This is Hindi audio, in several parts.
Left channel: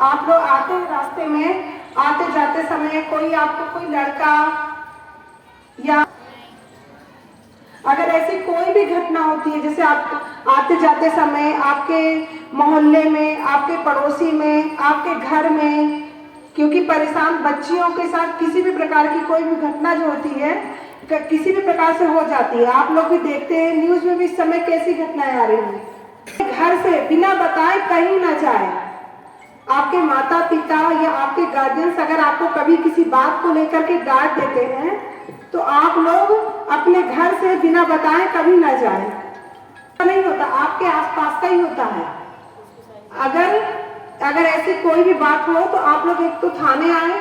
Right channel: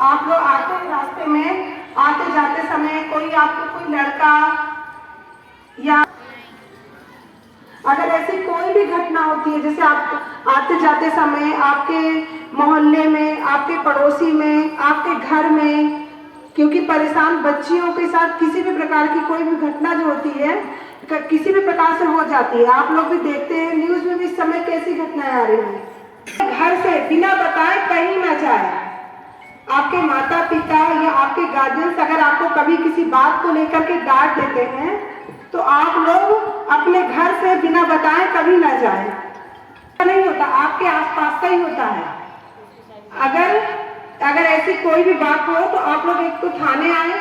आप लोग आते रास्ते में आते जाते समय कोई आपको कोई लड़का या अगर ऐसी कोई भी घटना होती है, जैसे आप आते जाते समय आपके मोहल्ले में, आपके पड़ोसी में, आपके घर में, क्योंकि परेशान बच्चियों के साथ किसी भी प्रकार की कोई भी घटना जो होती है किसी भी प्रकार से हो जाती है। आप लोग भी देखते हैं न्यूज में भी इस समय कैसी घटनाएं आ रही हैं। घर से बिना बताए कहीं ना जाए। आपके माता पिता या आपके गार्जियंस अगर आपको कभी किसी बात को लेकर के डांट देते हैं तो आप लोग अपने घर से बिना बताए कभी ना जाएं। नहीं होता, आपके आसपास का ही होता है। अगर ऐसी कोई भी बात हो तो आप लोग एक तो थाने आए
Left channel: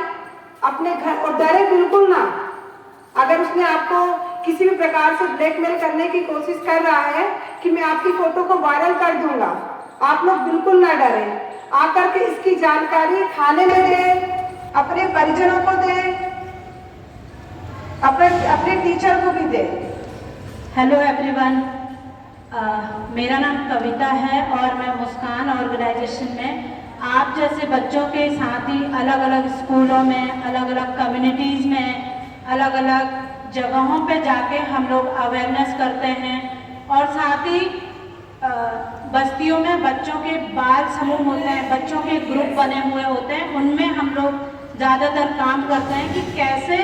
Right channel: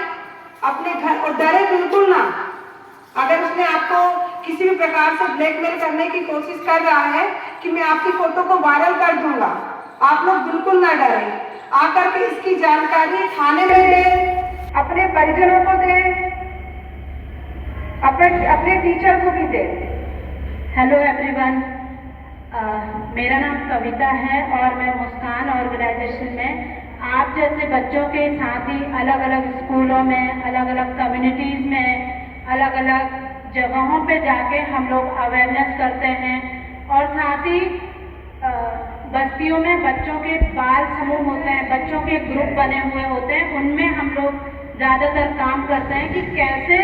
अपने घर, और डरे बिल्कुल ना। अगर उसने आपको किसी भी प्रकार से ब्लैकमेल करने की कोशिश कर रहा है कि मैं आपकी फोटो को वायरल कर दूंगा, आप लोग बिल्कुल ना डरें। आकर के इसकी जानकारी थाने में दें, अपने परिजनों को दें, अपने टीचर को भी दें। हेलो एवरीवन, मेरा नाम कविता है और मैं मुस्कान ऑर्गेनाइजेशन में आप जैसे बच्चों के साथ ही अलग अलग स्कूलों में, अलग अलग कम्युनिटीज़ में, अलग अलग जगहों पे जाके हम लोग अवेयरनेस करते हैं। और साथ ही बस्तियों में बच्चों के बाल समूह होते हैं, बच्चों के ग्रुप बने हुए होते हैं, उनमें हम लोग ज़्यादातर काम करते हैं कि कैसे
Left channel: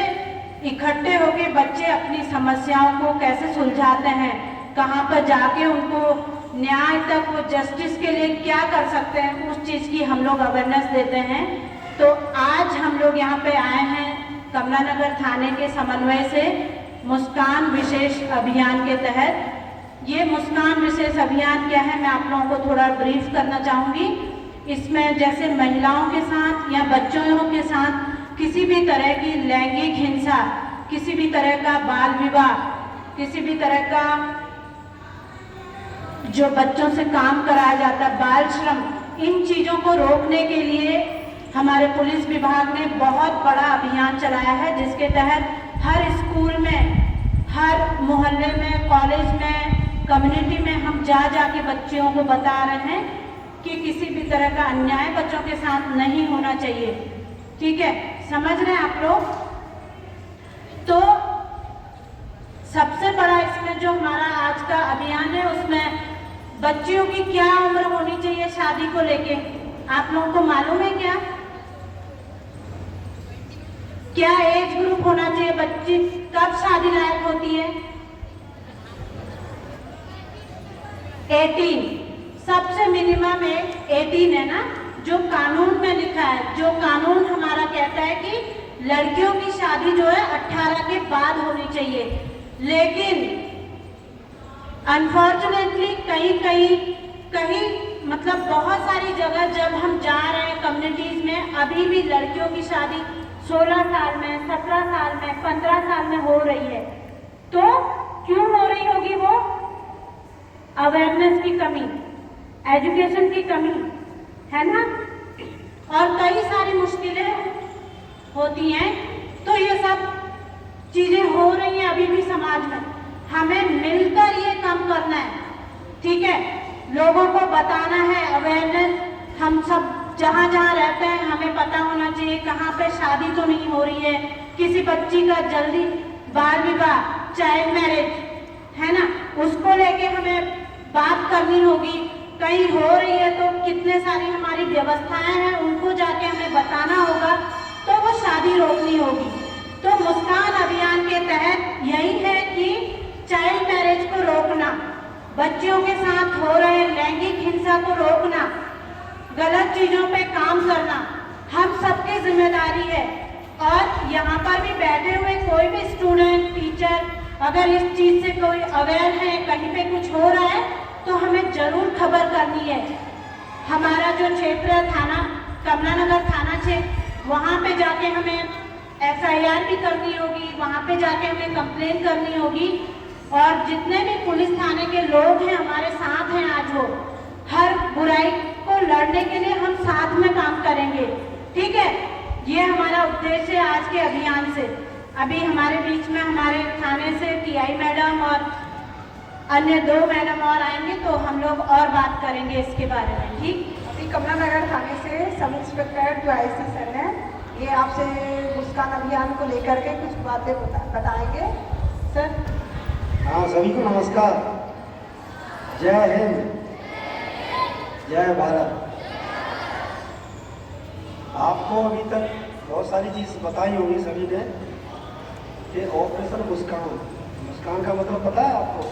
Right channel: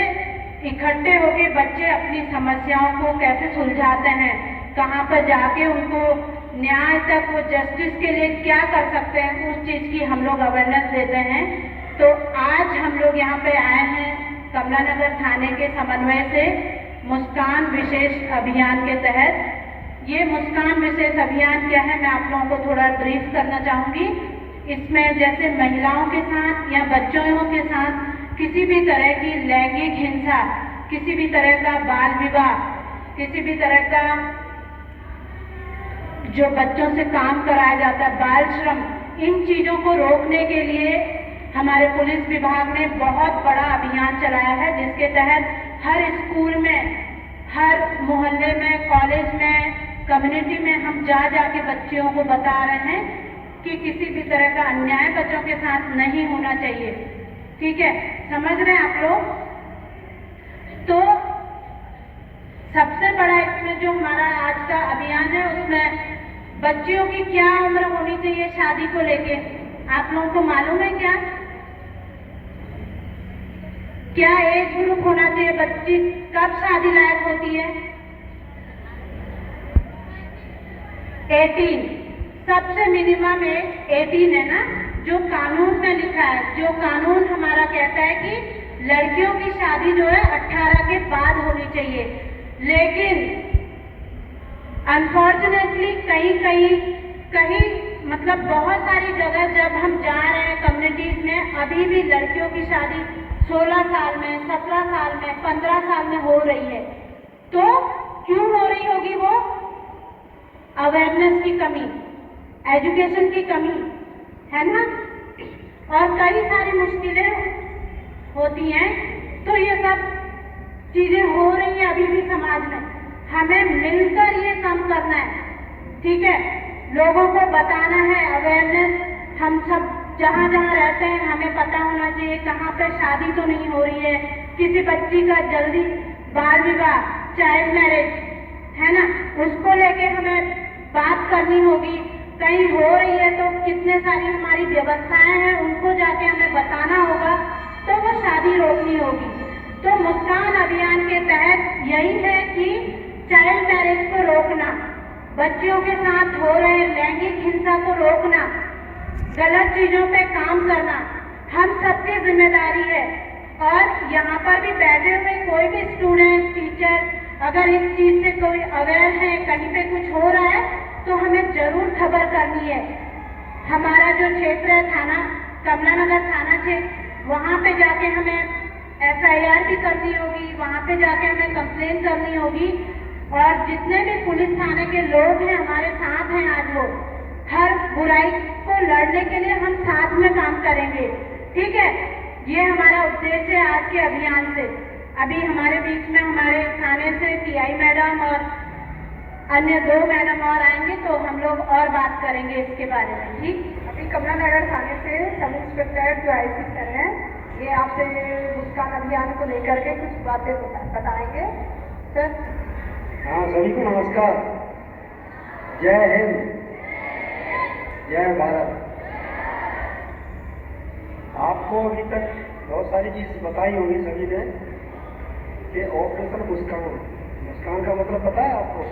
इकट्ठे होके बच्चे अपनी समस्याओं को कैसे सुलझाते हैं, कहाँ पर जाके उनको न्याय तक, वो जस्टिस के लिए क्या कर सकते हैं, उस चीज़ की हम लोग अवेयरनेस देते हैं। तो आज हम लोग यहाँ पे आए हैं कमला नगर थाने के समन्वय से मुस्कान विशेष अभियान के तहत। ये मुस्कान विशेष अभियान क्या है, मैं आप लोगों को थोड़ा ब्रीफ करना चाहूँगी। इसमें जैसे महिलाओं के साथ या बच्चों के साथ किसी भी तरह की लैंगिक हिंसा, किसी भी तरह का बाल विवाह, किसी भी तरह का जो बच्चों से काम कराया जाता है, बाल श्रम, इन चीज़ों को रोकने के लिए हमारे पुलिस विभाग ने बहुत बड़ा अभियान चलाया है, जिसके तहत हर स्कूल में, हर मोहल्ले में, कॉलेज में, कम्युनिटी में हम जा के बच्चियों को बता रहे हैं कि किसी भी तरह का अन्याय बच्चों के साथ नहीं होना चाहिए। ठीक है, समझ रहे हैं आप लोग? तो सबसे बड़ा इसमें जो हमारा आज का अभियान है, उसमें बच्चियों की क्या उम्र होनी चाहिए शादी को लेके, आप लोगों को मालूम है क्या? क्या एज ग्रुप होना चाहिए, बच्ची कब शादी लायक होती है? 18, सबसे मिनिमम एज 18 है ना, जो कानून में लिखा है। जो कानून हमारा कहता है कि लड़कियों की शादी जो है 18 के बाद होनी चाहिए। लेकिन अनफॉर्चुनेटली कहीं मतलब बहुत सारी जगह जब हम जा रहे हैं कम्युनिटीज में, अभी भी लड़कियों की शादी 16 साल में, 17 साल में, 15 साल में हो रही है। तो क्यों हो रही होगी? वो अवेयरनेस की कमी, एजुकेशन की कमी है ना, और कई सारी मुश्किलें होती हैं। तो ये सब चीजें हो रही हैं अभी भी समाज में, हमें मिलकर ये कम करना है। ठीक है, लोगों को बताना है, अवेयरनेस। हम सब जहाँ जहाँ रहते हैं हमें पता होना चाहिए कहाँ पे शादी तो नहीं हो रही है, किसी बच्ची का जल्दी बाल विवाह, चाइल्ड मैरिज है ना, उसको लेके हमें बात करनी होगी। कहीं हो रही है तो कितने सारी हमारी व्यवस्थाएं हैं, उनको जाके हमें बताना होगा, तो वो शादी रोकनी होगी। तो मुस्कान अभियान के तहत यही है कि चाइल्ड मैरिज को रोकना, बच्चियों के साथ हो रहे लैंगिक हिंसा को रोकना, गलत चीजों पे काम करना हम सबकी जिम्मेदारी है। और यहाँ पर भी बैठे हुए कोई भी स्टूडेंट, टीचर अगर इस चीज से कोई अवेयर है, कहीं पे कुछ हो रहा है, तो हमें जरूर खबर करनी है। हमारा जो क्षेत्र है थाना, कमला नगर थाना क्षेत्र, वहाँ पे जाके हमें FIR भी करनी होगी, वहाँ पे जाके हमें कंप्लेन करनी होगी। और जितने भी पुलिस थाने के लोग हैं हमारे साथ हैं आज, वो हर बुराई को लड़ने के लिए हम साथ में काम करेंगे। ठीक है, ये हमारा उद्देश्य है आज के अभियान से। अभी हमारे बीच में हमारे थाने से TI मैडम और अन्य 2 मैडम और आएंगे, तो हम लोग और बात करेंगे इसके बारे में। ठीक। जी कमला नगर थाने से सब इंस्पेक्टर जो आईसी सर हैं, ये आपसे मुस्कान अभियान को लेकर के कुछ बातें बताएंगे सर। हाँ, सभी को नमस्कार। जय हिंद, जय भारत। आपको अभी तक बहुत सारी चीज़ बताई होंगी सभी ने कि ऑपरेशन मुस्कान, मुस्कान का मतलब पता है आपको?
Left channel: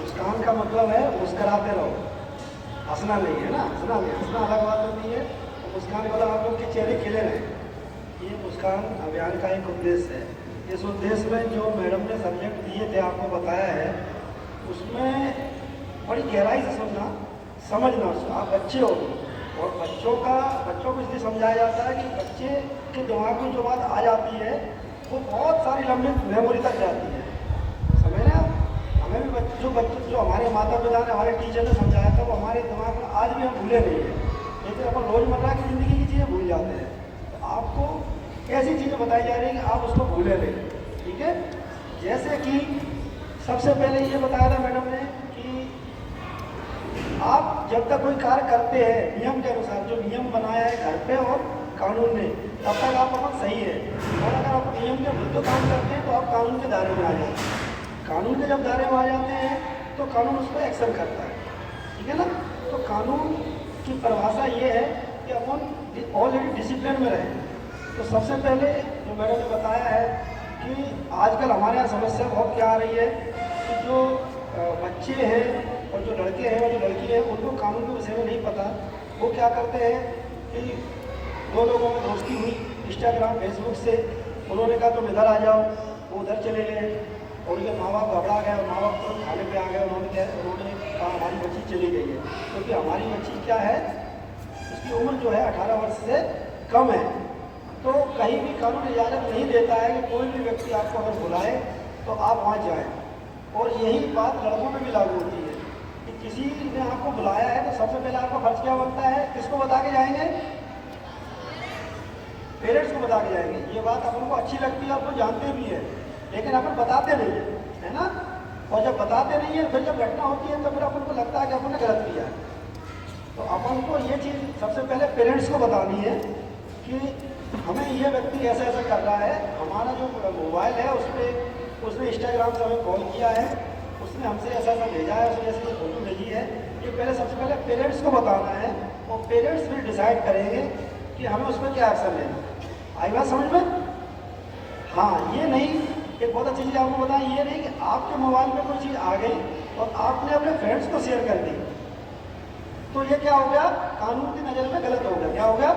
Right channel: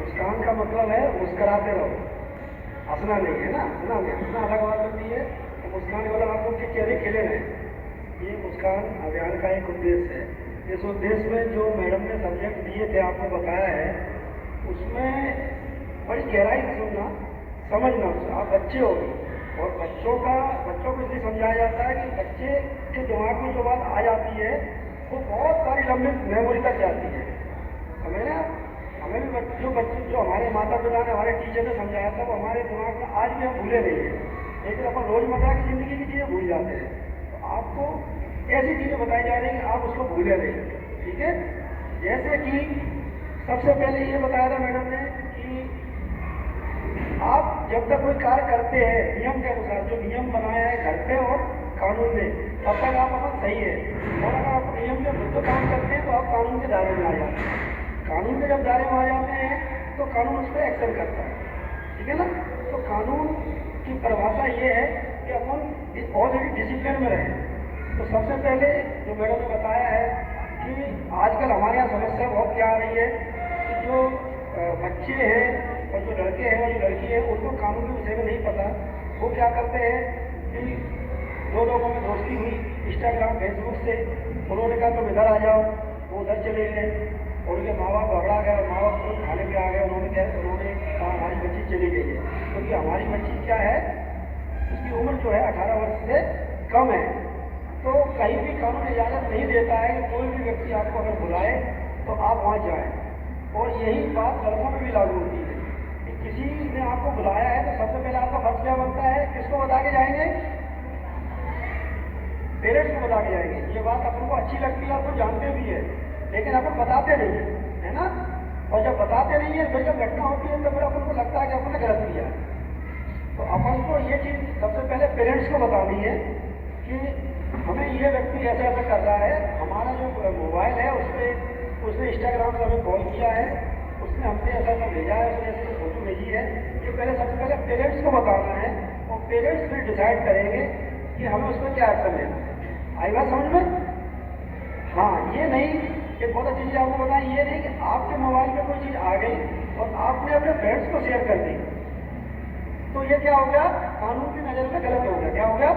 मुस्कान का मतलब है मुस्कराते रहो, हंसना नहीं है ना, हंसना नहीं, हंसना अलग बात होती है। तो मुस्कान का मतलब आप लोग के चेहरे खिले रहे। ये मुस्कान अभियान का एक उद्देश्य है। इस उद्देश्य में जो मैडम ने सब्जेक्ट दिए थे, आपको बताया है, उसमें बड़ी गहराई से सुनना, समझना। आप बच्चे हो और बच्चों को इसलिए समझाया जाता है कि बच्चे के दिमाग में जो बात आ जाती है वो बहुत सारी लंबी मेमोरी तक जाती है। समझ रहे आप? हमें भी जो हमारे माता पिता ने, हमारे टीचर ने समझाया था, वो हमारे दिमाग में आज भी हम भूले नहीं हैं, लेकिन अपन रोज़मर्रा की ज़िंदगी की चीज़ें भूल जाते हैं। तो आपको ऐसी चीज़ें बताई जा रही हैं कि आप उसको भूले नहीं। ठीक है? जैसे कि सबसे पहले ये बताया था मैडम ने कि आप जब तक कोई कार्य करते हैं नियम के अनुसार, जो नियम बनाया है घर पे और कानून ने, तब तक आप अपन सही है। और अगर आप नियम के विरुद्ध काम करते हैं तो आप कानून के दायरे में आ जाते हैं। कानून के जब दायरे में आ जाते हैं तो कानून उस पर एक्शन करता है। ठीक है ना? तो कानून की परिभाषा ये है कि अपन ऑलरेडी डिसिप्लिन में रहें। तो सबसे पहले जो मैडम ने बताया है कि आजकल हमारे यहाँ समस्या बहुत क्या आ रही है कि जो बच्चे हैं और जो लड़के हैं और जो लड़की है, उनको कानून के विषय में नहीं पता। वो क्या करते हैं कि दो लोगों में दोस्ती हुई इंस्टाग्राम फेसबुक से, उन्होंने कहा तुम इधर आ जाओ, वो उधर चले गए और उनके माँ बाप घबरा गए और माँ बाप तो खाने पे आ गए। उन्होंने कहा हमारी बच्ची चली गई है, क्योंकि हमारी बच्ची क्या है, उसकी उम्र जो है 18 वर्ष से कम है। तो कहीं भी कानून इजाज़त नहीं देता है कि कोई भी व्यक्ति आपको अगर बुलाए तो आप वहाँ जाएँ। और यही बात लड़कों में भी लागू होती है कि किसी ने आपको बुलाया है तो सबसे पहले आपका फर्ज क्या बनता है? किसको बता के जाएंगे? पेरेंट्स को बता के जाएंगे। ये बात अपन को अच्छी लगती है, अपन जानते भी है, लेकिन अपन बताते नहीं है, है ना? और जब बताते नहीं है, फिर जब घटना होती है तो फिर अपन को लगता है कि अपन ने गलत किया। तो अपन को ये चीज़ सबसे पहले पेरेंट्स को बतानी है कि हमें ये व्यक्ति ऐसा ऐसा कर रहा है, हमारा जो मोबाइल है उस पर उसने इंस्टाग्राम से हमें कॉल किया है, उसने हमसे ऐसा ऐसा भेजा है, उसने ऐसी फोटो भेजी है। ये पहले सबसे पहले पेरेंट्स को बताना है और पेरेंट्स फिर डिसाइड करेंगे कि हमें उस पर क्या एक्शन लेना है। आई बात समझ में? हाँ, ये नहीं, एक बहुत अच्छी चीज़ आपको बताएं, ये नहीं कि आपके मोबाइल में कोई चीज़ आ गई और आपने अपने फ्रेंड्स को शेयर कर दी, तो ये क्या हो गया? कानून की नज़र में गलत हो गया। क्या हो गया?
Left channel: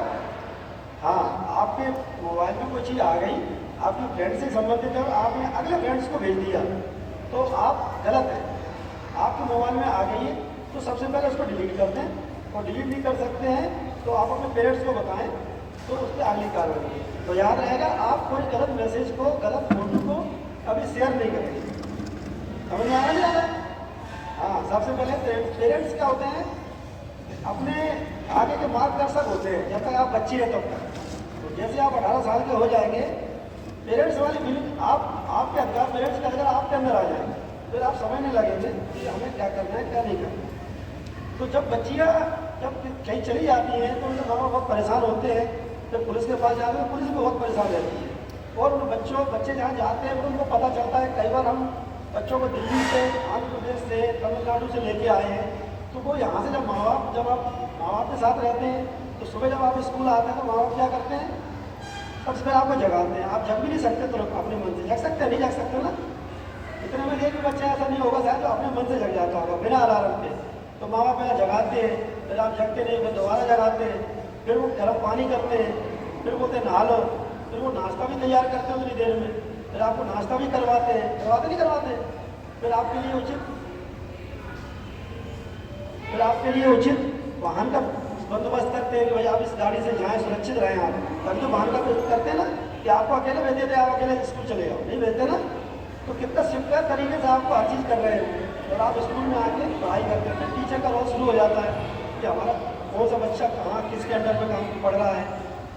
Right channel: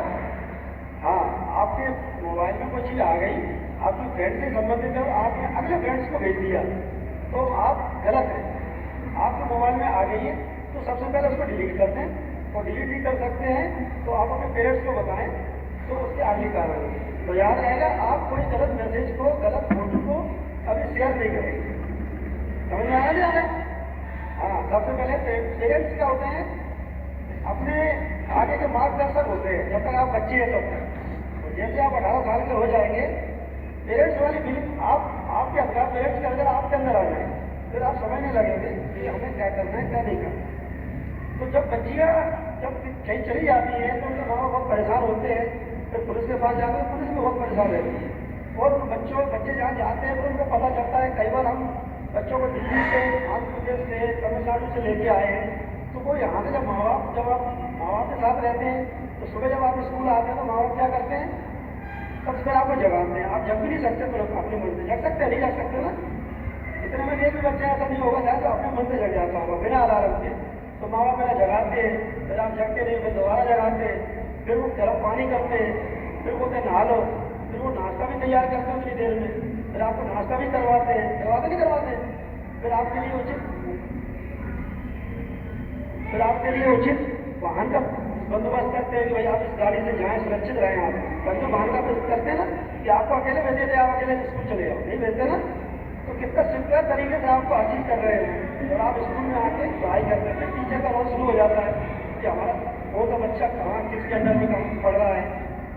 हाँ, आपके मोबाइल में कोई चीज़ आ गई, आपकी फ्रेंड से संबंधित है और आपने अगले फ्रेंड्स को भेज दिया, तो आप गलत हैं। आपके मोबाइल में आ गई है तो सबसे पहले उसको डिलीट करते हैं, और डिलीट नहीं कर सकते हैं तो आप अपने पेरेंट्स को बताएं तो उसकी अगली कार्रवाई। तो याद रहेगा, आप कोई गलत मैसेज को, गलत फोटो को कभी शेयर नहीं करेंगे। समझ में आया नहीं आ रहा है? हाँ, सबसे पहले पेरेंट्स क्या होते हैं? अपने आगे के मार्गदर्शक होते हैं जब तक आप बच्चे हैं तब तक। तो जैसे आप 18 साल के हो जाएंगे, पेरेंट्स वाली फीलिंग आपके अंदर, पेरेंट्स के अंदर आपके अंदर आ जाएंगे, फिर आप समझने लगेंगे कि हमें क्या करना है, क्या नहीं करना। तो जब बच्चियाँ जब कहीं चली जाती हैं तो उनके माँ बाप बहुत परेशान होते हैं, जब पुलिस के पास जाते हैं पुलिस भी बहुत परेशान रहती है। और उन बच्चे जहाँ जाते हैं तो उनको पता चलता है, कई बार हम बच्चों को दिल्ली से, आंध्र प्रदेश से, तमिलनाडु से लेके आए हैं, तो वो यहाँ से जब आप माँ बाप के साथ रहते हैं तो सुबह जब आप स्कूल आते हैं तो माँ बाप क्या करते हैं? सबसे पहले आपको जगाते हैं। आप जग भी नहीं सकते तो अपने मन से जग सकते हैं, नहीं जग सकते ना? इतने में एक भी बच्चा ऐसा नहीं होगा शायद जो अपने मन से जग जाता होगा बिना अलार्म के। तो माँ बाप पहले जगाते हैं, फिर आप जगते नहीं, फिर दोबारा जगाते हैं, फिर वो गर्म पानी करते हैं, फिर बोलते नहा लो, फिर वो नाश्ता भी तैयार करते हैं उतनी देर में, फिर आपको नाश्ता भी करवाते हैं, नहीं करवाते? फिर आपके लिए उचित वाहन का बंदोबस्त करते हैं कि भाई आप इस गाड़ी से जाएं, सुरक्षित रहें आप। तभी तो वाहन का करते हैं ना, कि आपको अकेले भेज देते, आप अकेले स्कूल चले जाओ, नहीं भेजते ना? तो कितना सिंपल तरीके से आपको हर चीज़ कर रहे हैं और आप स्कूल में आके पढ़ाई करते हैं। फिर टीचर का रोल शुरू हो जाता है कि हमारा कौन सा बच्चा कहाँ किसके अंडर में काम पढ़ रहा है,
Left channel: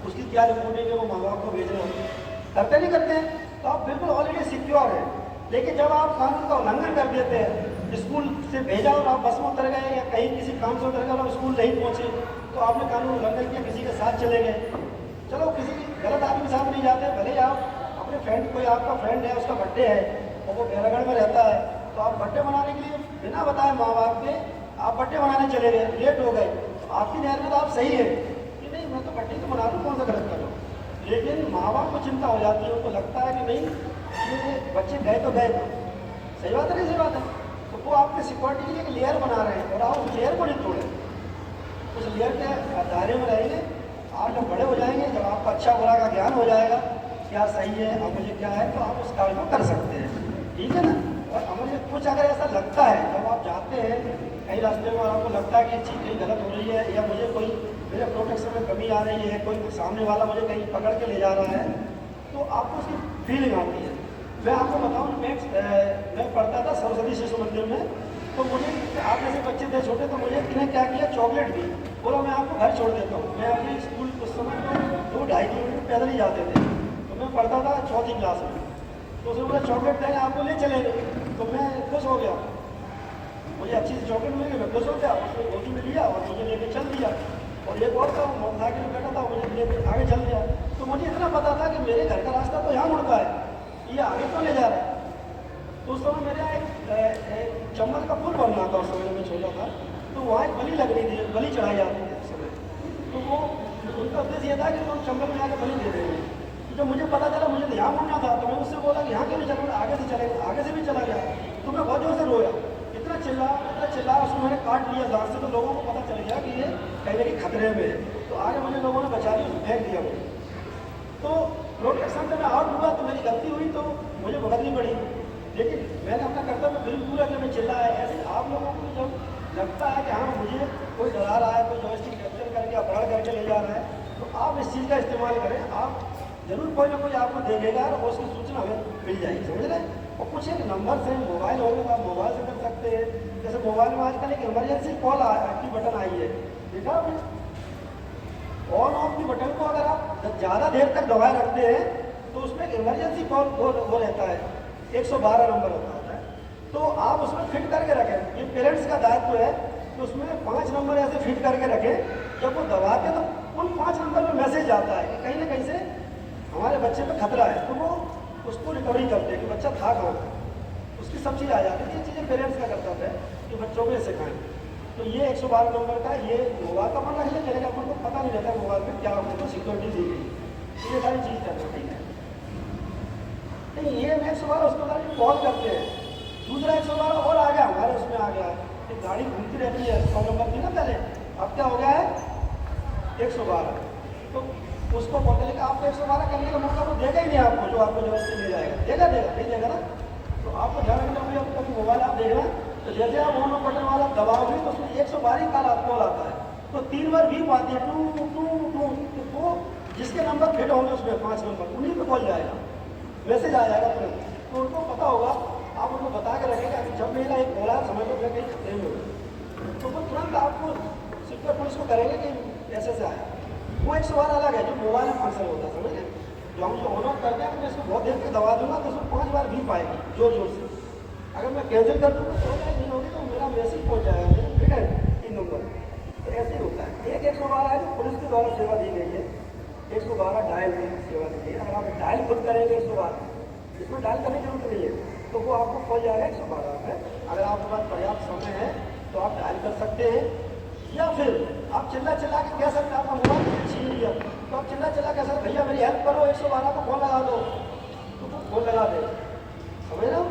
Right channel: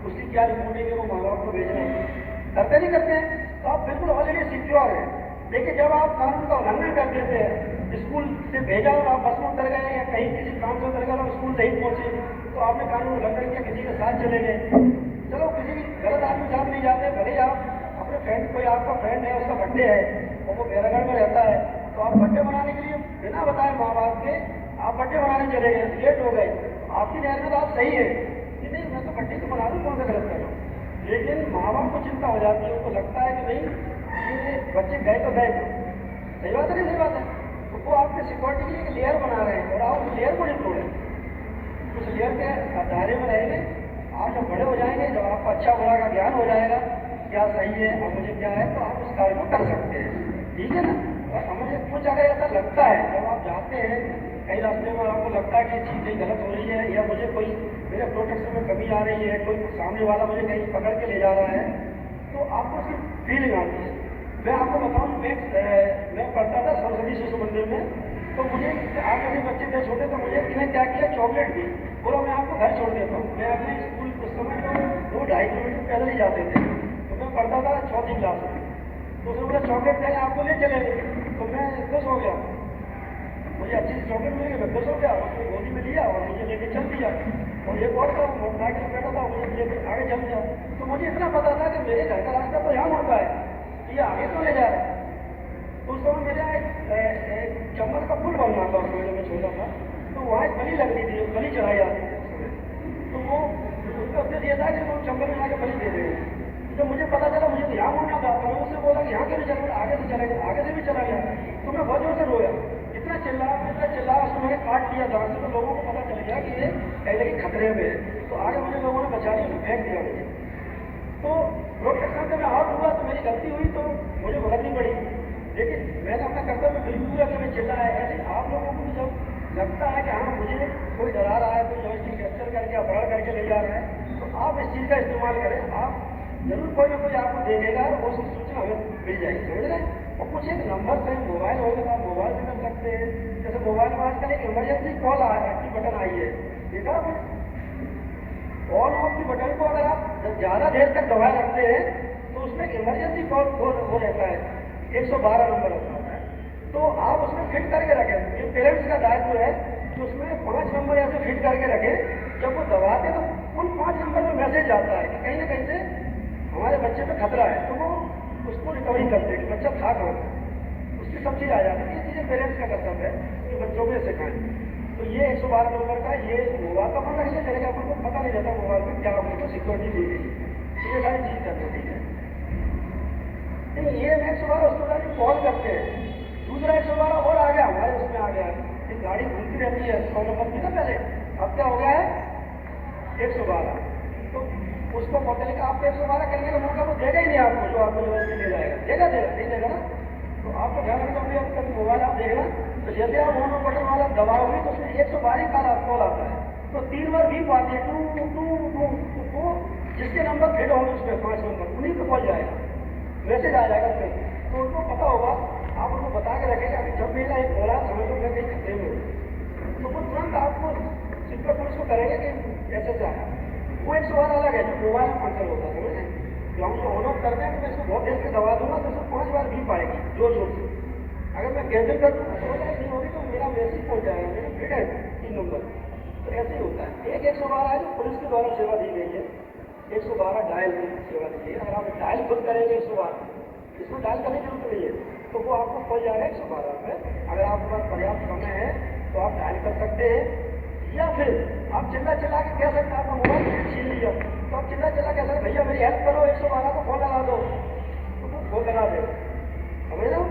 उसकी क्या रिपोर्ट है कि वो माँ बाप को भेज रहे हैं। करते नहीं करते हैं? तो आप बिल्कुल ऑलरेडी सिक्योर है। लेकिन जब आप कानून का उल्लंघन कर देते हैं, स्कूल से भेजा और आप बस में उतर गए या कहीं किसी काम से उतर गए और स्कूल नहीं पहुंचे, तो आपने कानून उल्लंघन किया, किसी के साथ चले गए। चलो किसी गलत आदमी के साथ नहीं जाते, भले आप अपने फ्रेंड, कोई आपका फ्रेंड है, उसका बर्थडे है और वो बैरागढ़ में रहता है, तो आप बर्थडे मनाने के लिए बिना बताए माँ बाप के आप बर्थडे मनाने चले गए, लेट हो गए, तो आपकी नहर में तो आप सही है कि नहीं, मैं तो बर्थडे तो मना लूँ, कौन सा गलत करूँ। लेकिन माँ बाप को चिंता हो जाती है, उनको लगता है कि नहीं ये बच्चे गए तो गए, सही बात है नहीं, सही बात है। तो वो आपके सिक्योरिटी के लिए एक लेयर बना रहे हैं और आप उस लेयर को नहीं तोड़ें, उस लेयर के दायरे में रहेंगे। आप जब बड़े हो जाएंगे, जब आपको अच्छा बुरा का ज्ञान हो जाएगा, क्या सही है और मुझे क्या है, तो आप उस कार्य को कर सकते हैं, ठीक है ना। और मुझे कुछ अगर ऐसा लगता है, जब आप जाते हैं कहीं रास्ते में आपको लगता है कि चीज़ कहीं गलत हो रही है या मुझे कोई मेरे प्रोटेक्शन में कमी आ रही है, कोई सामने वाला मुझे कहीं पकड़ के ले जा रहा है, तो आपको उसकी फीलिंग आती है। मैं आपको बताऊँ, मैं पढ़ता था सरस्वती शिशु मंदिर में, तो मुझे आप जैसे बच्चे थे छोटे, तो मुझे इन्हें क्या किया, चॉकलेट दी, बोला मैं आपको घर छोड़ देता हूँ। मैं अपने स्कूल उस समय तो 2-2.5 किलोमीटर पैदल ही जाते थे, तो मैं पढ़ता था 4वीं क्लास में, तो उसने बोला चॉकलेट देंगे आपको, ले चलेंगे। तो मैं खुश हो गया, मुझे अच्छी सी चॉकलेट मिल गई, मैं खुश हो गया, उसने गोदी में लिया और मुझे लेके चल दिया। और एक और था, मोटरसाइकिल में बैठा था, मुझे लेके आगे चल दिया। तो मुझे इतना पता था कि मेरे घर का रास्ता तो यहाँ मुड़ता है, ये आगे तो ले जा रहा है। तो उस समय मेरा एक चम्मच का पुल बनना था, उस समय में छोटा था, तो वहाँ एक बलि लगनी थी, बलि चढ़ाई जाती थी उस समय। तो वो उनका उद्देश्य ये था कि लोग चम्मच में जाकर बलि दे देंगे। जब मुझे पता चला मुझे तो यहाँ मुड़ना था, तो मैं उससे बोला कि यहाँ क्यों नहीं चला, आगे से चला गया, आगे से भी चला गया। तो मैं बहुत जोर से रोया, इतना चिल्ला, उसको मैंने काट लिया दांत से, तो लोगों को पता चल गया कि ये कहीं ना कहीं खतरे में है। तो आगे मुझे लोगों ने बचा लिया, उसको फेंक दिया मुझे। तो रोड एक्शन से मैं आउट हुआ, तो मेरी गलती हुई, तो मुझे भुगतनी पड़ी, लेकिन मैंने अपना कर्तव्य फिर पूरा करके चिल्लाया। ऐसे आप लोगों को भी जब लगता है कि हाँ मुझे कोई डरा रहा है, कोई जबरदस्ती कैप्चर करके अपहरण करके ले जा रहा है, तो आप इस चीज़ का इस्तेमाल करें। आप जरूर कोई ना कोई आपको देखेगा और उसकी सूचना हमें मिल जाएगी, समझ रहे हैं। और कुछ एक नंबर से मोबाइल होगा तो आप मोबाइल से कर सकते हैं। जैसे मोबाइल में आजकल एक इमरजेंसी कॉल की बटन आई है, देखा आपने, ऑन ऑफ की बटन को अगर आप ज़्यादा देर तक दबाए रखते हैं तो उसमें इमरजेंसी कॉल वो रहता है, 112 नंबर होता है। तो आप उसमें फिट करके रखें, ये पेरेंट्स का दायित्व है कि उसमें 5 नंबर ऐसे फिट करके रखें, जब वो दबाते तो उन 5 नंबर में मैसेज आता है कि कहीं ना कहीं से हमारे बच्चे पे खतरा है, तो वो उसको रिकवरी करते हैं कि बच्चा था कहाँ, उसकी सब चीज़ आ जाती है। ये चीज़ें पेरेंट्स का कर्तव्य है कि बच्चों को सिखाएं। तो ये 112 नंबर का ये मोबाइल का अपन रख लिया, लेकिन अपन को पता नहीं रहता मोबाइल में क्या उनको सिक्योरिटी दी गई है, तो ये सारी चीज़ करनी ठीक है। नहीं ये 112 उसको कॉल करते हैं, दूसरा 112 और आ गया, हमारे उसमें आ गया कि गाड़ी घूमती रहती है 100 नंबर थी ना पहले, अब क्या हो गया है 112। तो उसको बोलते लेकिन आपको 112 करने का मौका वो देगा ही नहीं आपको, जो आपको जबरदस्ती ले जाएगा, देगा नहीं देगा ना। तो आपको ध्यान रखना होगा, आप कभी मोबाइल आप देखना तो जैसे आप ऑन बटन वाला दबाओगे तो उसमें 112 कॉल आता है, तो 3 बार बीप आती है, टू टू टू, तो जिसके नंबर फिट होंगे उसमें 5 नंबर उन्हीं को कॉल जाएगा, मैसेज आ जाएगा तुरंत। तो उनको पता होगा, आप उनको बता के रखेंगे कि जब मेरा एक बोला समझ लो मैं कहीं खतरे में हूँ, तो वो तुरंत आपको सिक्योर पुलिस को करेंगे कि ऐसे से आया। वो 112 अलग है जो मोबाइल में फंक्शन होता है, समझ रहे। जो हम ऑन ऑफ करते हैं तो मैं इसको बहुत देर तक दबा दूंगा तो उसको 5 बार भी पाएगी जोर जोर से। अगर मैं कैंसिल कर दूँगा तो नहीं होगी तो मेरा मैसेज पहुँच जाएगा, मेरा फिट है 3 नंबर। तो ऐसे ही होता है। एक 112 है जो पुलिस के द्वारा सेवा दी गई है, 112 डायल की सेवा दी गई है। अगर आप डायल खुद करेंगे 112, इसमें डायल करने की जरूरत नहीं है, तो वो आपको पहुँच जाएगा 112 में। अगर आपके पास पर्याप्त समय है तो आप डायल कर सकते हैं, या फिर आप चिल्ला चिल्ला के कह सकते हैं, आपका मोबाइल फिर छीन लिया तो आप चिल्ला चिल्ला कह सकते भैया मेरी हेल्प करो, 112 को फोन लगा दो, तो वो फोन लगा दे, समझ रहे हो।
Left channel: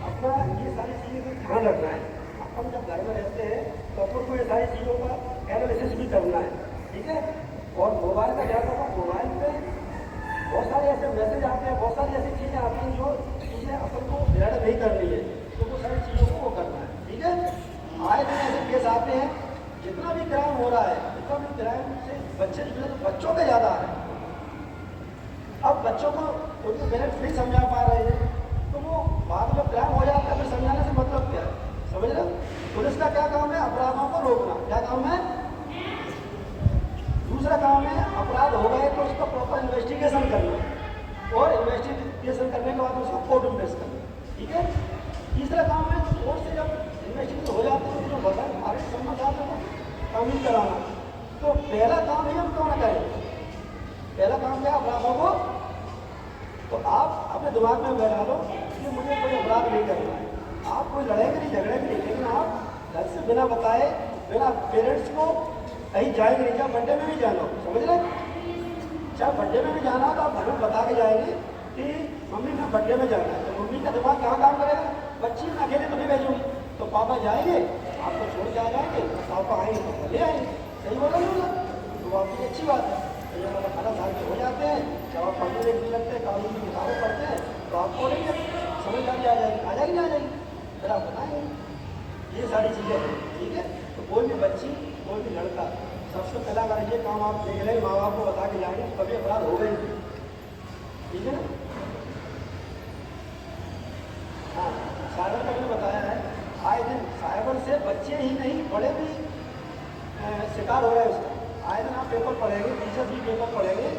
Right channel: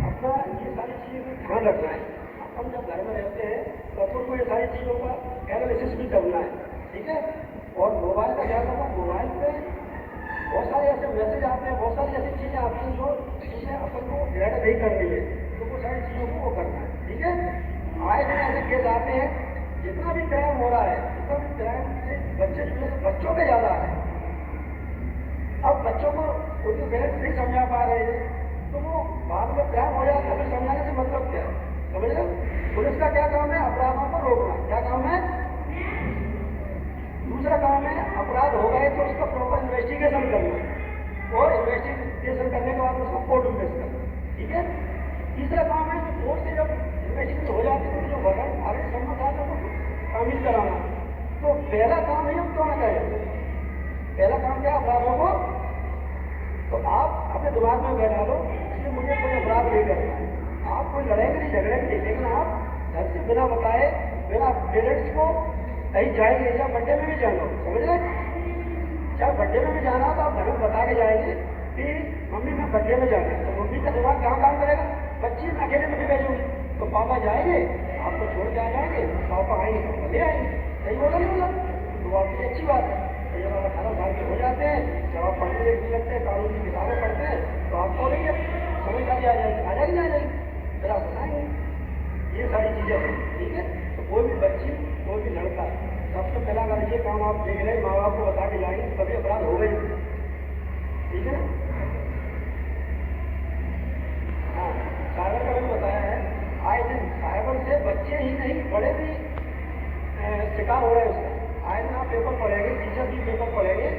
अपना ये सारी चीज़ें भी ध्यान रखना है। अपन जब घर में रहते हैं तो अपन को ये सारी चीज़ों का एनालिसिस भी करना है, ठीक है। और मोबाइल का ध्यान रखना, मोबाइल पे बहुत सारे ऐसे मैसेज आते हैं, बहुत सारी ऐसी चीज़ें आती हैं जो चीज़ें अपन को ऐड नहीं करनी है, तो वो सारी चीज़ों को वो करना है, ठीक है। आए दिन ऐसे केस आते हैं, जितना भी क्राइम हो रहा है, जितना भी क्राइम से बच्चे जुड़े तो बच्चों के ज़्यादा है। अब बच्चों को उनके पेरेंट्स नहीं समझा पा रहे हैं, तो वो बाद में क्राइम हो जाता है, फिर समझाने से मतलब क्या है, समझ रहे हो। पुलिस का क्या काम है, अपराधों को रोकना, क्या काम है। दूसरा काम है अपराध हो गए तो उसका प्रॉपर इन्वेस्टिगेशन करना, और इन्वेस्टिगेशन करने के बाद उसको कोर्ट में पेश करना, ठीक है। तीसरा काम है कोर्ट से जब इन्वेस्टिगेशन हो जाती है तो बताएं आगे समझ जाते हो तामील कराना। तो पहला काम है हम क्यों ना करें, पहला काम क्या अपराधों को, तो आप अपने दिमाग में बैठा लो कि मुझे कोई अपराध नहीं करना है। आप कोई लड़ेंगे नहीं झगड़ेंगे नहीं, लेकिन आप घर से बिना बताए बिना पेरेंट्स को कहीं जाएंगे नहीं, चाहे बर्थडे में भी जाना हो, समझ रहे, चाहे बर्थडे में भी जाना हो तो आप घर में बता के जाएंगे कि मम्मी मैं बर्थडे में जाना है। तो मम्मी का दिमाग कहाँ काम करेगा, बच्ची में अकेले तो नहीं भेजूंगी, तो पापा जाएंगे आपको छोड़ के आ जाएंगे, पापा आएंगे तो ले आएंगे। सही बोला नहीं बोला, तो आपकी अच्छी बात है। तो ये 18 साल के हो जाते हैं, जब आप पढ़ने लिखने लगते हैं, कानून की किताबें पढ़ते हैं, तो आपको नहीं समझदारी आ जाएगी, आ जाएगी, आ जाएगी, फिर आप बताएंगे ये सारी चीज़ें हैं। ठीक है, तो कोई भी बच्ची कोई भी लड़का सबसे पहला अगर ये काम आप देख रहे माँ बाप को बता के जाएंगे तो कभी अपराध होगा ही नहीं। ठीक है ना। हाँ, साइबर का मैंने बताया है, आए दिन साइबर से बच्चे ही नहीं बड़े भी शिकार हो रहे हैं उसका। आए दिन आप पेपर पढ़ेंगे, टीचर भी पेपर पढ़ेंगे,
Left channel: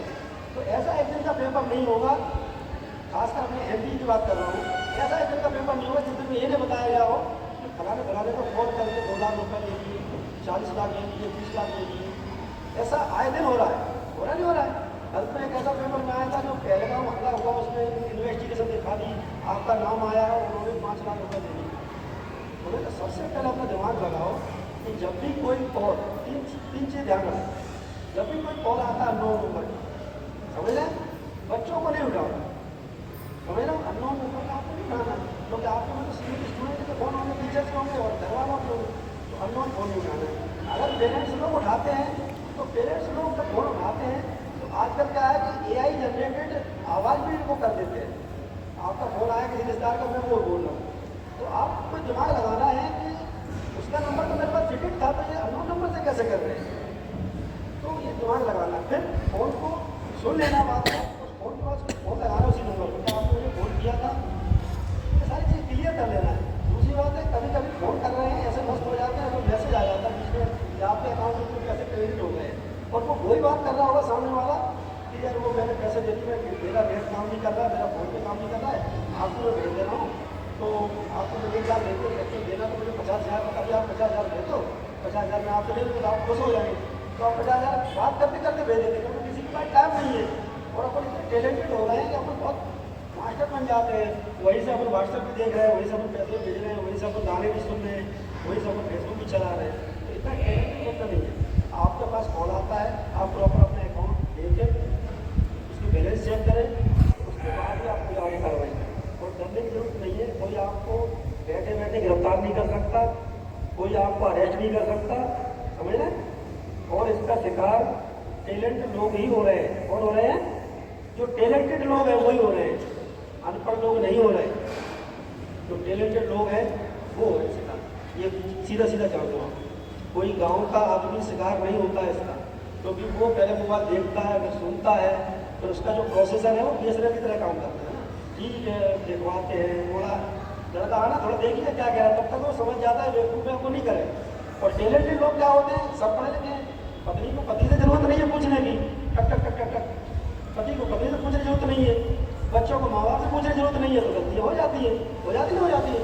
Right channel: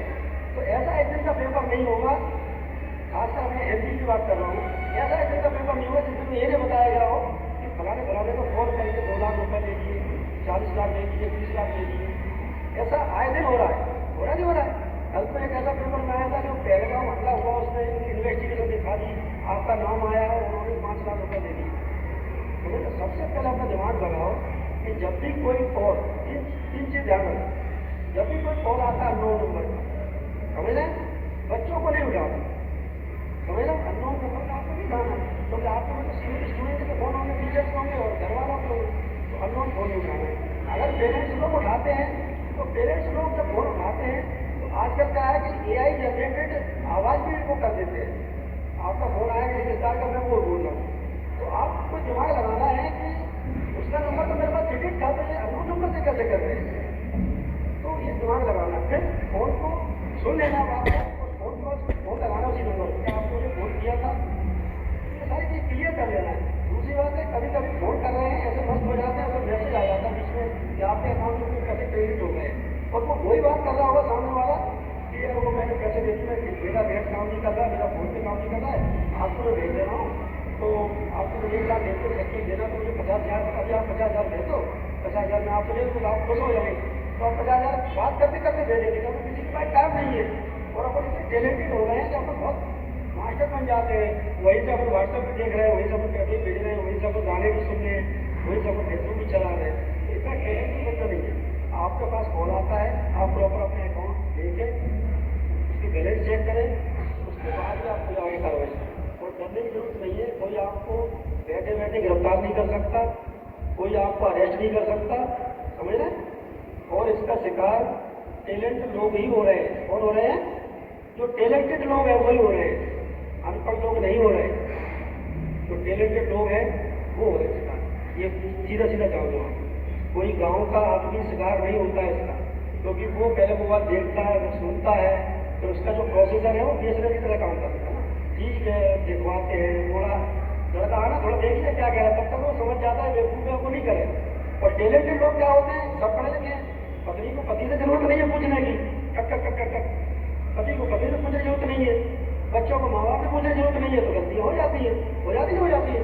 तो ऐसा एक दिन का पेपर नहीं होगा, खासकर मैं MP की बात कर रहा हूँ, ऐसा एक दिन का पेपर नहीं होगा जिसमें ये नहीं बताया गया हो कि फलाने फलाने को फोन करके 2 लाख रुपये ले लिए, 40 लाख ले लिए, 20 लाख ले लिए। ऐसा आए दिन हो रहा है, हो रहा नहीं हो रहा है। कल में एक ऐसा पेपर में आया था जो पहलगाम हमला हुआ, उसमें इन्वेस्टिगेशन दिखा दी, आपका नाम आया और उन्होंने 5 लाख रुपये दे दिए। तो सबसे पहले अपना दिमाग लगाओ कि जब भी कोई कॉल, तीन चीज़ ध्यान रखो, जब भी कोई कॉल आता है 9 नंबर का, समझ लें, बच्चों को नहीं उठाओ, समझ लो, अननोन नंबर का आपको नहीं उठाना है, क्योंकि आपके मतलब स्टूडेंट के फोन होंगे, टीचर्स होंगे और घर वालों के होंगे, तो अननोन फोन नहीं उठाना है। अगर पेरेंट्स लोग उठाते हैं तो पेरेंट्स लोग जब फोन उठाते हैं तो आजकल क्या है कि AI जनरेटेड आवाज़ भी वो कर देते हैं, आपका फोन आया किसी रिश्तेदार का, मैं वो बोल रहा हूँ, तो आपको दिमाग लगाना है कि उसका नंबर तो मेरे पास फिटेड था, तो ये अननोन नंबर से कैसे कर रहे हैं, तो ये दिमाग लगाना। फिर फोन को सुन लेना बात को, उस फोन के बाद फोन लगाना उसी नंबर पर, क्या आपने मुझे फोन किया था, ये सारी चीज़ क्लियर कर लेना है। दूसरी बात है, कभी कभी फोन कर रहे हैं ऐसे मस्त हो जाते हैं तो मैसेज आ जाता है बीच में कि आपके अकाउंट में पैसे क्रेडिट हो गए, और वो वही बात कर रहा होगा सामने वाला कि यार वो मैंने पैसे दे दिए, मेरा नेट काम नहीं कर रहा है, मेरा फोन पे काम नहीं कर रहा है, आपको मैं भेज दे रहा हूँ, तो आपको मैं 1 लाख दे दो, एक्चुअल देना तो मुझे 50,000, अभी आप 50,000 दे दो, 50,000 में आपको दे दो, आप खुश हो जाएंगे, तो आप 50,000 बात करते करते भेज देंगे, क्योंकि किसी के पास टाइम नहीं है, और अपन इतने टैलेंटेड हो गए हैं कि अपन बहुत मास्टर बन जाते हैं। वहीं से अपन व्हाट्सएप पे देख रहे हैं, वहीं से अपन पैसे भेज रहे हैं, वहीं से अपन गाने भी सुन रहे हैं, वहीं से अपन फेसबुक भी चला रहे हैं, तो इतना टैलेंटेड बच्चा नहीं है। आपके पास कॉल आता है, आप प्रॉपर अपने अकाउंट देखें, उसकी बैलेंस चेक करें, उसके बाद ही आप कोई आगे कार्रवाई करें, और डरने की जरूरत नहीं है। कोई आपको बैठे बैठे गिरफ्तार नहीं कर सकता, कोई आपको अरेस्ट नहीं कर सकता, समझ रहे हैं। और इसका शिकार टैलेंटेड लोग ही हो रहे हैं। कौन हो रहे हैं? जो टैलेंटेड लोग हैं वही हो रहे हैं, अनपढ़ लोग नहीं हो रहे। जो टैलेंटेड लोग हैं वो हो रहे शिकार। ये सीधा सीधा जान लो, कोई गांव का आदमी शिकार नहीं होता है इसका, क्योंकि वो पहले मोबाइल देखता है, फिर सुनता है, फिर उसका जो प्रोसेसर है वो BSNL की तरह काम करता है ना। ठीक है, देखवाते हैं, थोड़ा लड़का आना थोड़ा देखिए क्या कह रहा है, तब तक वो समझ जाता है, बेवकूफ़ में आपको नहीं करेगा। और टैलेंटेड लोग क्या होते हैं, सब पढ़े लिखे हैं, पत्नी को पति से जरूरत नहीं है पूछने की, टक टक टक टक टक, पति को पति से पूछने की जरूरत नहीं है, बच्चों को माँ बाप से पूछने की जरूरत नहीं है, तो गलती हो जाती है, हो जाती है।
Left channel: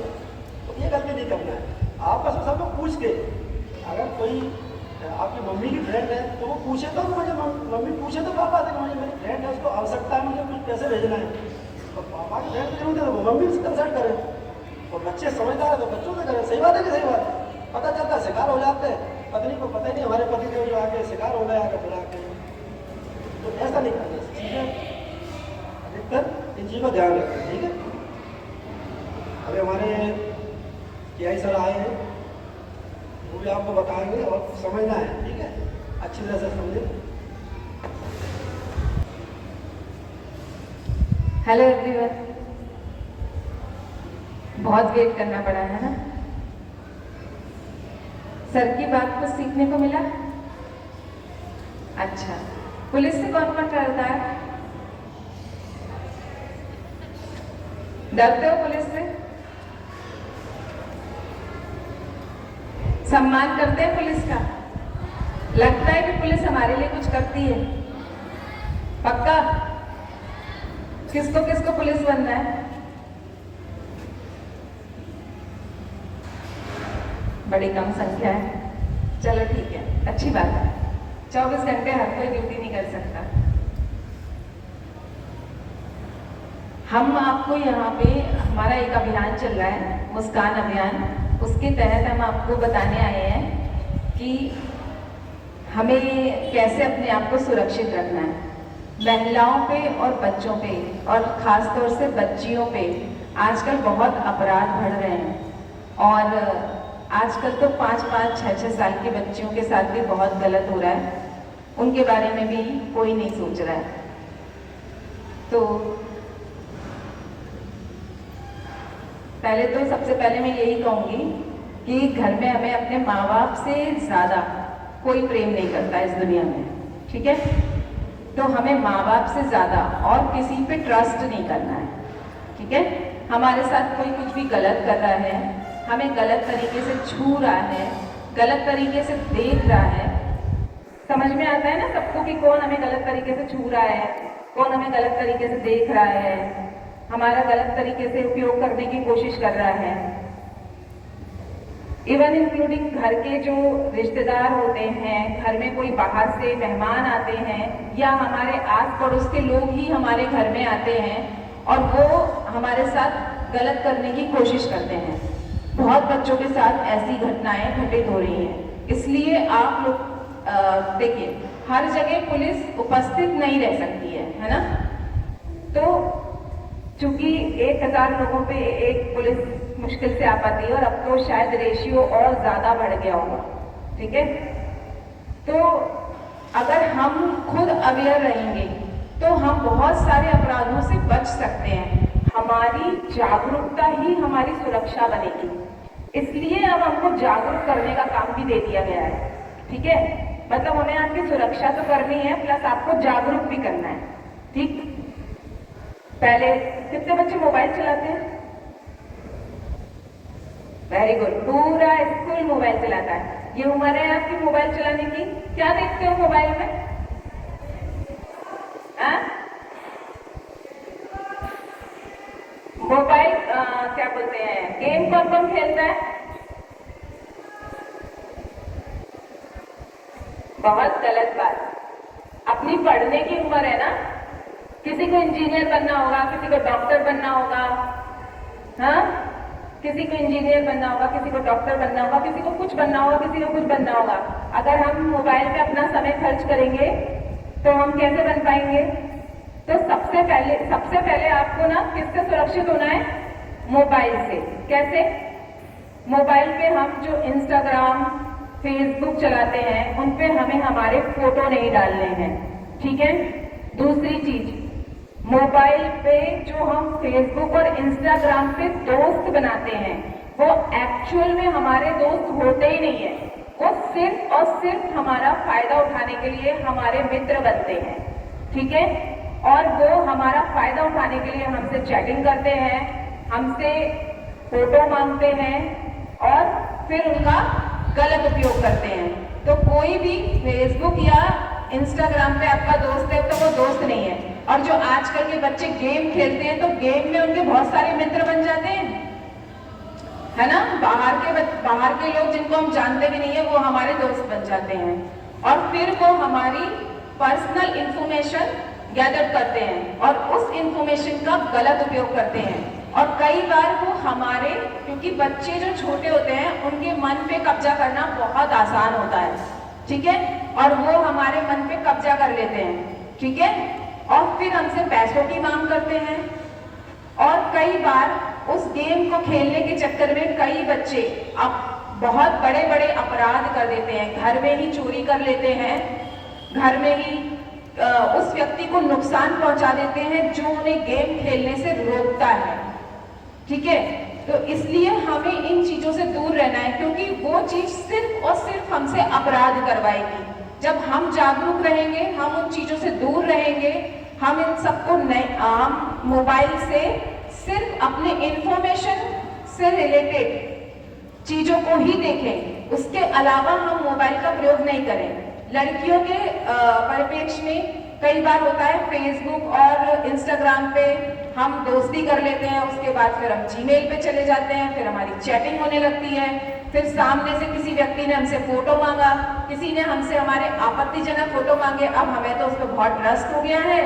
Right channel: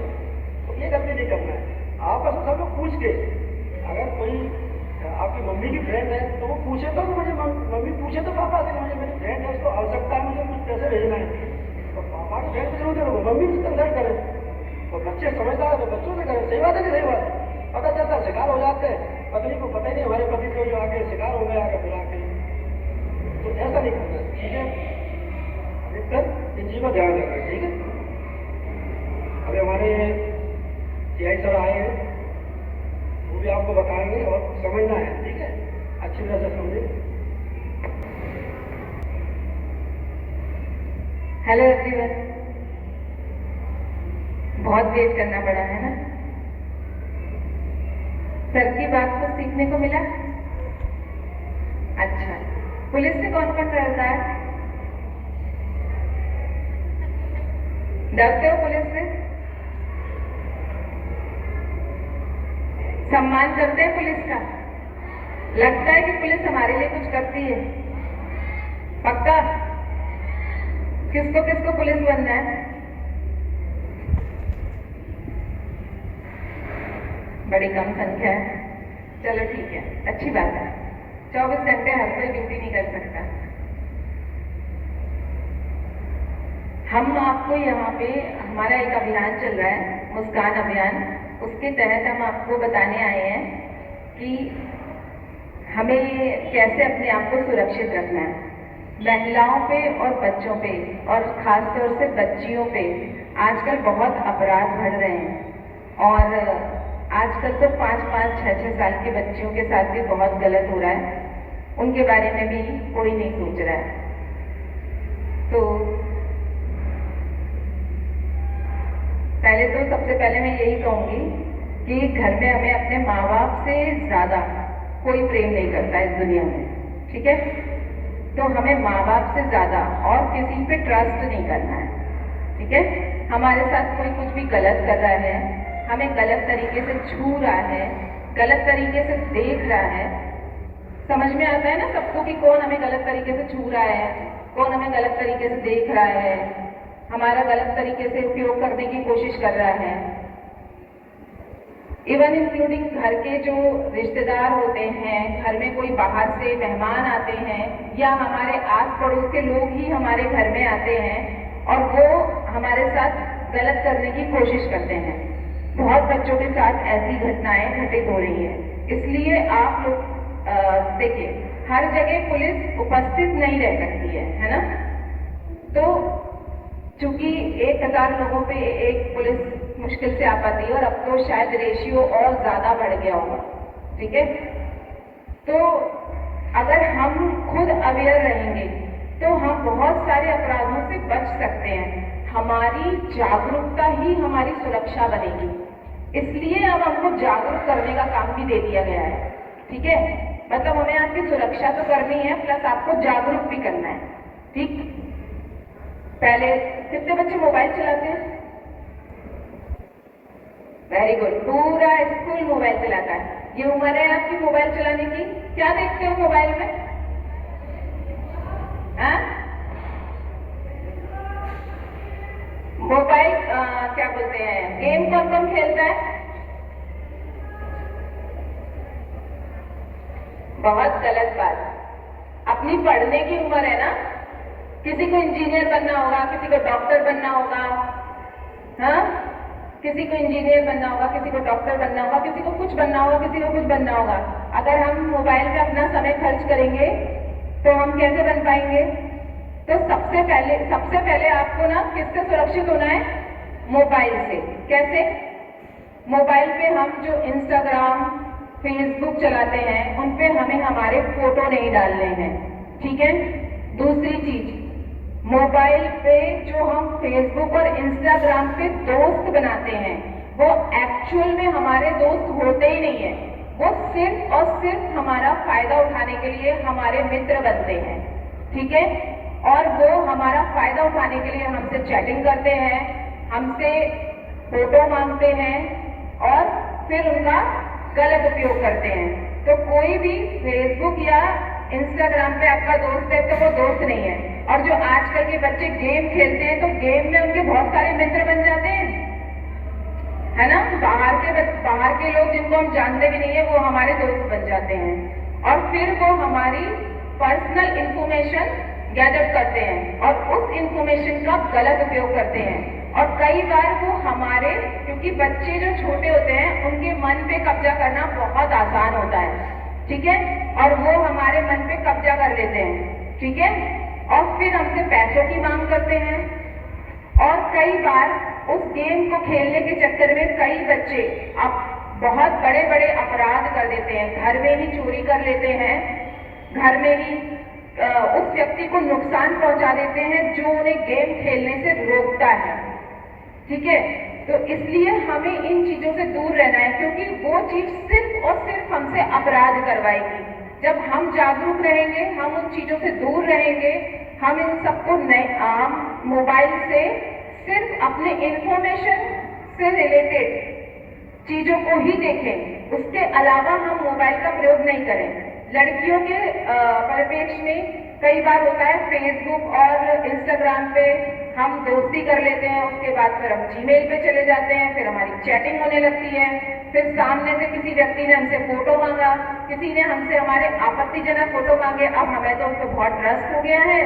तो ये गलती नहीं करना है। आपस में सब लोग पूछ के, अगर कोई आपकी मम्मी की फ्रेंड है तो वो पूछे तो मुझे, मम्मी पूछे तो पापा से मुझे मेरी फ्रेंड है, उसको आवश्यकता है, मुझे कुछ पैसे भेजना है, तो पापा की फ्रेंड की जरूरत है तो वो मम्मी से कंसल्ट करें। और बच्चे समझदार है तो बच्चों से करें। सही बात है कि सही बात है? पता चलता है शिकार हो जाते हैं, पत्नी को पता ही नहीं हमारे पति को जो आके शिकार हो गया आगे बुला के, तो ऐसा नहीं करना। चीज़ें अधिकतर इन चीज़ों का ध्यान रखना, ठीक है। अभी हमारे TI सर आए हैं, वो भी आपको बताएंगे और समझना है, ठीक है, अच्छी तरह से समझे। हेलो एवरीवन, बहुत वेट करना पड़ा है ना। सर की बात कुछ सीखने को मिला? अच्छा, पुलिस से कौन कौन डरता है? डरते हो पुलिस से? सम्मान करते हैं पुलिस का? लगता है कि पुलिस हमारे लिए कुछ करती है? पक्का? किसको किसको पुलिस बनना है? बड़ी कम संख्या है। चलो ठीक है, अच्छी बात है। 24 घंटे हर कोई ड्यूटी नहीं कर सकता। हम आपको यहाँ पे, हमारा एक अभियान चल रहा है, मुस्कान अभियान, उसके तहत हम आपको बताने आए हैं कि हमें कैसे अपने आप को सुरक्षित रखना है। महिलाओं पे और बच्चों पे, और ख़ास तौर से बच्चियों पे आजकल बहुत अपराध बढ़ रहे हैं। और आजकल तो 5-5, 6-6 साल की बच्चियों के साथ भी बहुत गलत हो रहा है। उनके बारे में भी कोई नहीं सोच रहा है। तो पहले तो सबसे पहले मैं यही कहूँगी कि घर में हमें अपने माँ बाप से ज़्यादा कोई प्रेम नहीं करता इस दुनिया में, ठीक है? तो हमें माँ बाप से ज़्यादा और किसी पे ट्रस्ट नहीं करना है, ठीक है? हमारे साथ कोई कुछ भी गलत कर रहा है, हमें गलत तरीके से छू रहा है, गलत तरीके से देख रहा है, समझ में आता है ना सबको कि कौन हमें गलत तरीके से छू रहा है, कौन हमें गलत तरीके से देख रहा है, हमारा गलत तरीके से उपयोग करने की कोशिश कर रहा है। इवन इंक्लूडिंग घर के जो रिश्तेदार होते हैं, घर में कोई बाहर से मेहमान आते हैं, या हमारे आस पड़ोस के लोग ही हमारे घर में आते हैं और वो हमारे साथ गलत करने की कोशिश करते हैं। बहुत बच्चों के साथ ऐसी घटनाएं घटित हो रही हैं। इसलिए आप लोग देखिए, हर जगह पुलिस उपस्थित नहीं रह सकती है ना? तो चूंकि 1000 लोगों पे एक पुलिस मुश्किल से आ पाती है, और अब तो शायद रेशियो और ज़्यादा बढ़ गया होगा, ठीक है? तो अगर हम खुद अवेयर रहेंगे तो हम बहुत सारे अपराधों से बच सकते हैं। हमारी जागरूकता ही हमारी सुरक्षा बनेगी। इसलिए अब हमको जागरूक करने का काम भी दे दिया गया है, ठीक है? मतलब हमें आपकी सुरक्षा तो करनी है, प्लस आपको जागरूक भी करना है, ठीक? पहले कितने बच्चे मोबाइल चलाते हैं? वेरी गुड, पूरा स्कूल मोबाइल चलाता है। ये उम्र है आपकी मोबाइल चलाने की। क्या देखते हो मोबाइल में? मोबाइल क्या बोलते हैं, गेम कौन कौन खेलता है? बहुत गलत बात। अपनी पढ़ने की उम्र है ना, किसी को इंजीनियर बनना होगा, किसी को डॉक्टर बनना होगा, हाँ? किसी को इंजीनियर बनना होगा, किसी को डॉक्टर बनना होगा, किसी को कुछ बनना होगा, किसी को कुछ बनना होगा। अगर हम मोबाइल पे अपना समय खर्च करेंगे तो हम कैसे बन पाएंगे? तो सबसे पहले आपको ना किससे सुरक्षित होना है? मोबाइल से। कैसे? मोबाइल पे हम जो इंस्टाग्राम, फेसबुक चलाते हैं, उन पे हमें हमारे फोटो नहीं डालने हैं, ठीक है? दूसरी चीज, मोबाइल पे जो हम फेसबुक और इंस्टाग्राम पे दोस्त बनाते हैं, वो एक्चुअल में हमारे दोस्त होते ही नहीं है। वो सिर्फ और सिर्फ हमारा फायदा उठाने के लिए हमारे मित्र बनते हैं, ठीक है? और वो हमारा फायदा उठाने के लिए हमसे चैटिंग करते हैं, हमसे फोटो मांगते हैं और फिर उनका गलत उपयोग करते हैं। तो कोई भी फेसबुक या इंस्टाग्राम पे आपका दोस्त है तो वो दोस्त नहीं है। और जो आजकल के बच्चे गेम खेलते हैं तो गेम में उनके बहुत सारे मित्र बन जाते हैं, है ना? बाहर के लोग जिनको हम जानते भी नहीं है वो हमारे दोस्त बन जाते हैं, और फिर वो हमारी पर्सनल इंफॉर्मेशन गैदर करते हैं और उस इंफॉर्मेशन का गलत उपयोग करते हैं। और कई बार वो हमारे, क्योंकि बच्चे जो छोटे होते हैं उनके मन पे कब्जा करना बहुत आसान होता है, ठीक है? और वो हमारे मन पे कब्जा कर लेते हैं, ठीक है? और फिर हमसे पैसों की मांग करते हैं। और कई बार उस गेम को खेलने के चक्कर में कई बच्चे अब बहुत बड़े बड़े अपराध कर देते हैं। घर में ही चोरी कर लेते हैं, घर में ही उस व्यक्ति को नुकसान पहुंचा देते हैं जो उन्हें गेम खेलने से रोकता है, ठीक है? तो इसलिए हमें इन चीजों से दूर रहना है, क्योंकि वो चीज सिर्फ और सिर्फ हमसे अपराध करवाएगी। जब हम जागरूक रहेंगे, हम उन चीजों से दूर रहेंगे, हम इन सबको मोबाइल से सिर्फ अपने इंफॉर्मेशन से रिलेटेड चीजों को ही देखें, उसके अलावा हम मोबाइल का प्रयोग नहीं करें। लड़कियों के परिप्रेक्ष्य में कई बार होता है फेसबुक और इंस्टाग्राम पे हम दोस्ती कर लेते हैं, उसके बाद फिर हम जीमेल पे चले जाते हैं, फिर हमारी चैटिंग होने लगती है, फिर सामने से किसी व्यक्ति ने हमसे फोटो मांगा, किसी ने हमसे हमारे आपत्तिजनक फोटो मांगे, अब हमें तो उस पर बहुत ट्रस्ट हो गया है,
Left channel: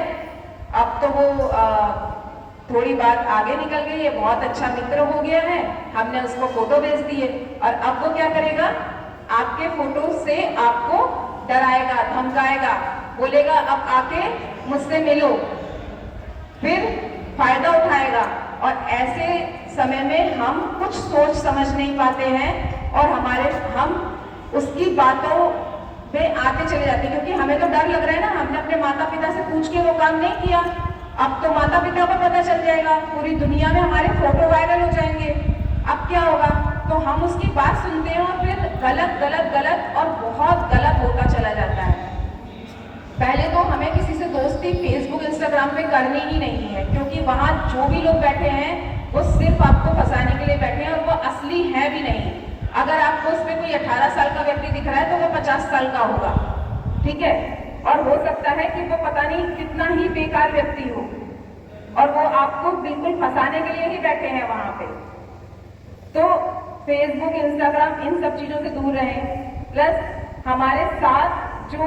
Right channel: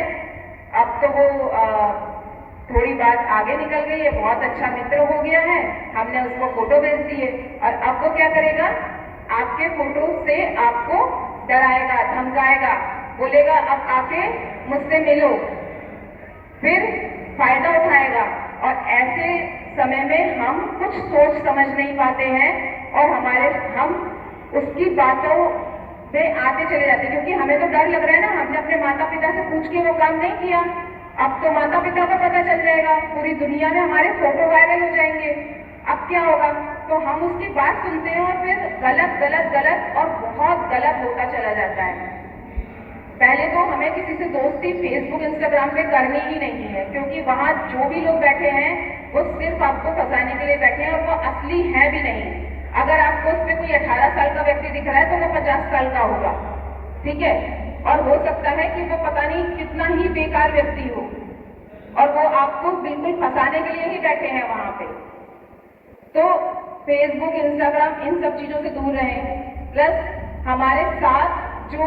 अब तो वो थोड़ी बात आगे निकल गई है, बहुत अच्छा मित्र हो गया है, हमने उसको फोटो भेज दी है, और अब वो क्या करेगा, आपके फोटो से आपको डराएगा, धमकाएगा, बोलेगा अब आके मुझसे मिलो, फिर फायदा उठाएगा। और ऐसे समय में हम कुछ सोच समझ नहीं पाते हैं और हम उसकी बातों में आते चले जाते हैं, क्योंकि हमें तो डर लग रहा है ना, हमने अपने माता पिता से पूछ के वो काम नहीं किया, अब तो माता पिता को पता चल जाएगा, पूरी दुनिया में हमारे फोटो वायरल हो जाएंगे, अब क्या होगा। तो हम उसकी बात सुनते हैं और फिर गलत गलत गलत और बहुत गलत होता चला जाता है। पहले तो हमें किसी से दोस्ती फेसबुक इंस्टाग्राम पे करनी ही नहीं है, क्योंकि वहाँ जो भी लोग बैठे हैं वो सिर्फ आपको फंसाने के लिए बैठे हैं और वो असली है भी नहीं। अगर आपको उस पर कोई 18 साल का व्यक्ति दिख रहा है तो वो 50 साल का होगा, ठीक है, और हो सकता है कि वो पता नहीं कितना ही बेकार व्यक्ति हो और वो आपको बिल्कुल फंसाने के लिए ही बैठे हैं वहां पे। तो फेसबुक इंस्टाग्राम इन सब चीजों से दूर रहें। प्लस हमारे साथ जो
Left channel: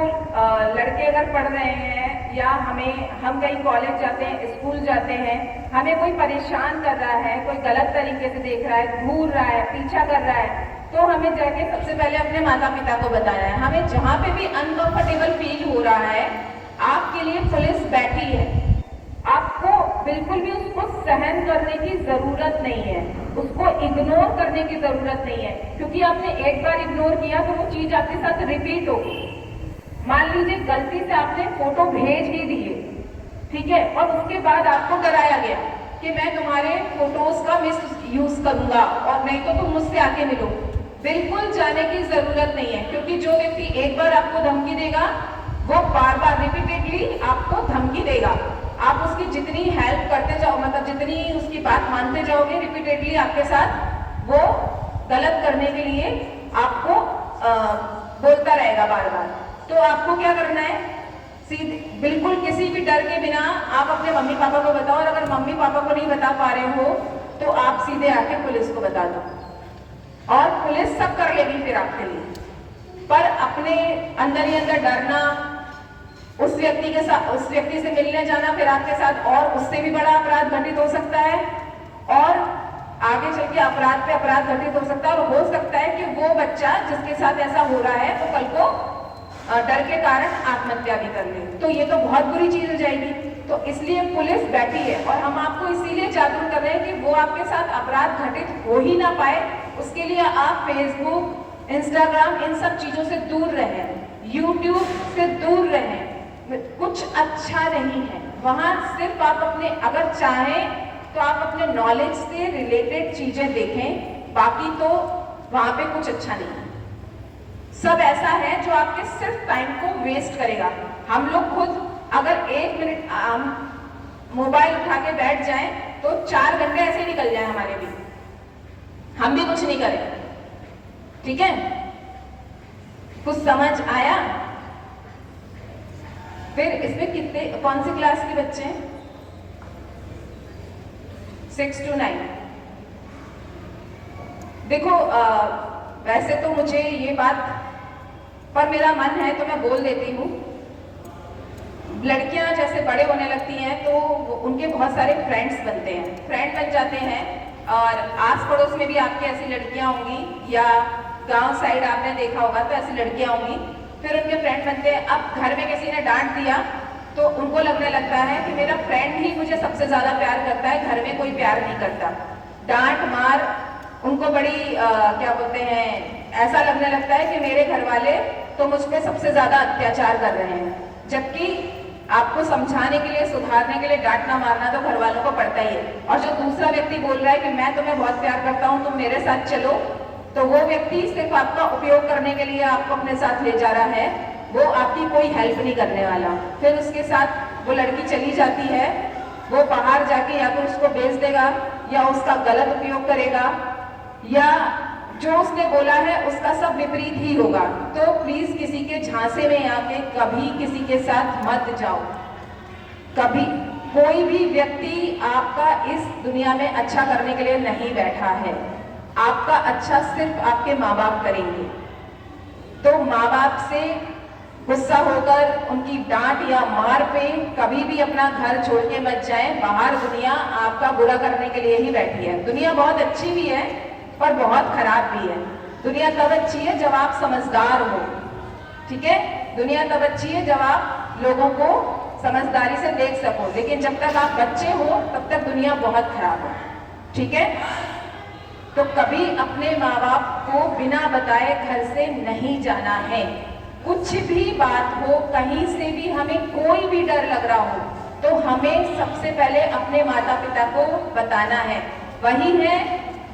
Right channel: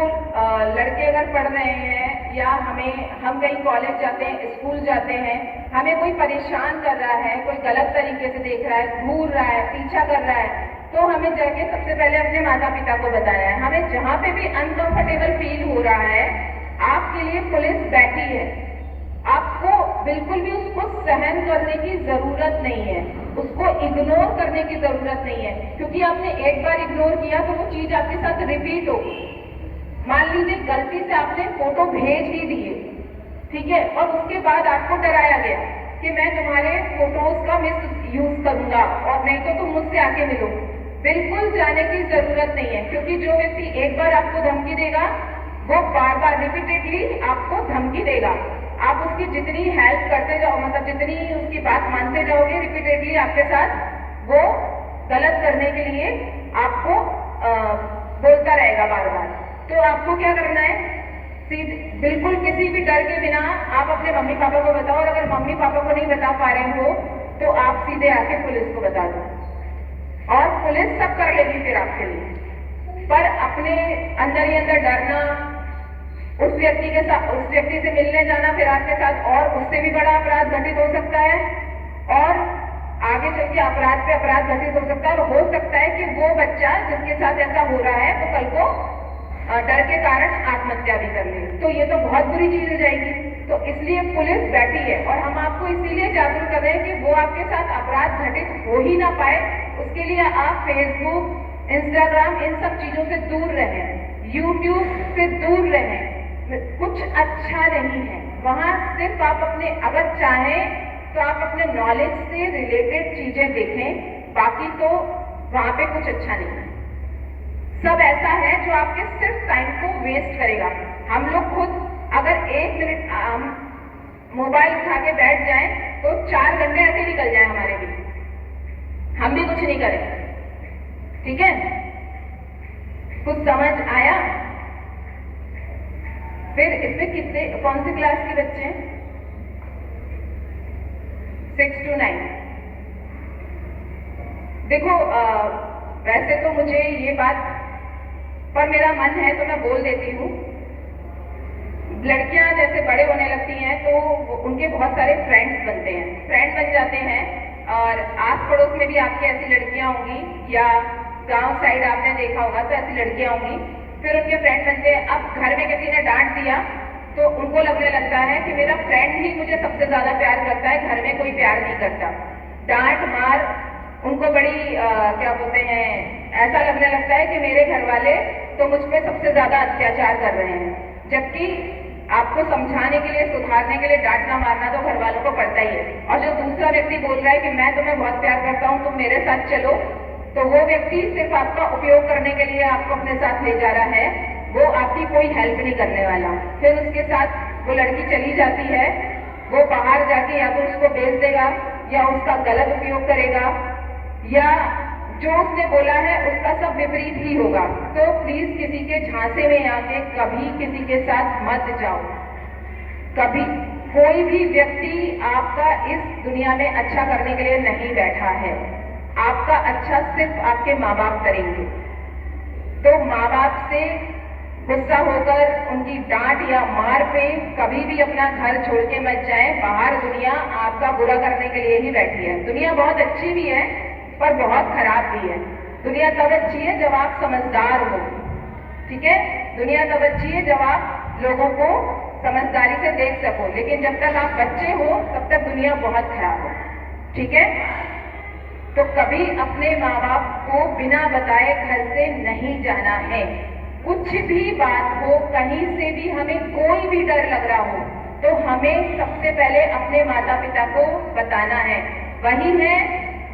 लड़के अगर पढ़ रहे हैं या हम कहीं कॉलेज जाते हैं, स्कूल जाते हैं, हमें कोई परेशान कर रहा है, कोई गलत तरीके से देख रहा है, घूर रहा है, पीछा कर रहा है, तो हमें जाके सबसे पहले अपने माता पिता को बताना है। हमें जहाँ पे भी अनकंफर्टेबल फील हो रहा है, आपके लिए पुलिस बैठी है, आपको बिल्कुल भी उसको सहन करने की जरूरत नहीं है, उसको इग्नोर करने की जरूरत नहीं है, क्योंकि आपने एक बार इग्नोर किया तो वो चीज आपके साथ रिपीट होगी। मान लीजिए गलती से आपने फोटो भेज ही दिए, ठीक है, और उसके बाद आपको डराया गया कि मैं तुम्हारे फोटोज का मिस यूज करूंगा और नहीं तो तुम मुझसे आके मिलो। बिल्कुल जाने की जरूरत नहीं है, क्योंकि जो व्यक्ति एक बार आपको धमकी देगा वो बार बार रिपीटेडली आपको धमकी देगा। आप उसकी जितनी हेल्प करते जाओ, मतलब जितनी उसकी बात मानते जाओगे, रिपीटेडली आपके साथ वो गलत करने के लिए आपको बोलता रहेगा बार बार। तो आपको क्या करना है, सीधे बिल्कुल किसी भी डर के बिना आप अपने मम्मी पापा को बताओ, और अगर मम्मी पापा को नहीं बता पा रहे हो तो आप सीधे आके पुलिस को बता दो, और पुलिस सब कर लेगी फिर आपके लिए। पर अपने अंदर ही अंदर डरना, उस व्यक्ति से मिलने जाना, फिर आपके साथ और उससे भी बड़ा अपराध घटित हो सकता है, और आगे चल के अपराध पे अपराध घटित हो सकता है, और हो सकता है कि वो बच्चा जिसके साथ ऐसा हो रहा है वो कल को डर के कारण आत्महत्या भी कर ले, तो ये तो बहुत बुरी चीज हो जाएगी। तो इसलिए पुलिस बैठी है, और हम आपको इसीलिए जागरूक कर रहे हैं कि वो आपके साथ अपराध घटित हो ही ना पाए, उसके लिए आप फेसबुक, इंस्टाग्राम इन सब चीजों से दूर रहें, यूट्यूब से दूर रहें, कुछ अच्छा नहीं है वहां। सिर्फ आप अपने, अगर चाहें तो आप अपने नॉलेज से रिलेटेड चीजें देखें, बाकी तो वहां पे कुछ अच्छा नहीं है। सब ऐसा है जो आपके सिर्फ टाइम को वेस्ट करेगा। हम लोग खुद अगर 1 मिनट मोबाइल उठा के बैठ जाएं तो 4 घंटे ऐसे ही निकल जाए हमारे भी, हम भी कुछ नहीं करें, ठीक है। कुछ समझ आया? फिर इसमें कौन सी क्लास के बच्चे हैं? 6 to 9। देखो वैसे तो मुझे ये बात पर मेरा मन है तो मैं बोल देती हूँ। लड़कियां जैसे बड़े होने लगती हैं तो उनके बहुत सारे फ्रेंड्स बनते हैं, फ्रेंड बन जाते हैं, और आस पड़ोस में भी आपके ऐसी लड़कियां होंगी, या गांव साइड आपने देखा होगा तो ऐसी लड़कियां होंगी, फिर उनके फ्रेंड बनते हैं। अब घर में किसी ने डांट दिया तो उनको लगने लगता है कि मेरा फ्रेंड ही मुझे सबसे ज्यादा प्यार करता है, घर में कोई प्यार नहीं करता। डांट मार उनको बड़ी क्या बोलते हैं, ऐसा लगने लगता है कि मेरे घर वाले तो मुझ पे सबसे ज्यादा अत्याचार कर रहे हैं, जबकि आपको समझाने के लिए, सुधारने के लिए डांटना मारना तो घर वालों को पड़ता ही है। और जो दूसरा व्यक्ति बोल रहा है कि मैं तुम्हें बहुत प्यार करता हूँ, तुम मेरे साथ चलो, तो वो व्यक्ति सिर्फ आपका उपयोग करने के लिए आपको अपने साथ ले जा रहा है, वो आपकी कोई हेल्प नहीं करने वाला। फिर उसके साथ वो लड़की चली जाती है, वो बाहर जाके या तो उसको बेच देगा या उसका गलत उपयोग करेगा, या जो उसने बोला है उसका सब विपरीत ही होगा। तो प्लीज किसी के झांसे में आके कभी किसी के साथ मत जाओ, कभी। कोई भी व्यक्ति आपका इस दुनिया में अच्छा करने के लिए नहीं बैठा है। आपका अच्छा सिर्फ आपके माँ बाप करेंगे। तो माँ बाप से गुस्सा होकर उनकी डांट या मार पे कभी भी अपना घर छोड़ के मत जाएं। बाहर दुनिया आपका बुरा करने के लिए ही बैठी है। दुनिया बहुत अच्छी भी है पर बहुत खराब भी है। दुनिया तब अच्छी है जब आप समझदार हो, ठीक है। दुनिया तब अच्छी है जब आप लोगों को समझदारी से देख सको, लेकिन जब तक आप बच्चे हो तब तक दुनिया बहुत खराब है, ठीक है। तो कभी अपने माँ बाप को बिना बताए घर से नहीं जाना है। कुछ भी बात हो, कहीं से भी हमें कोई भी डर लग रहा हो तो हमें सबसे पहले अपने माता पिता को बताना है। वही है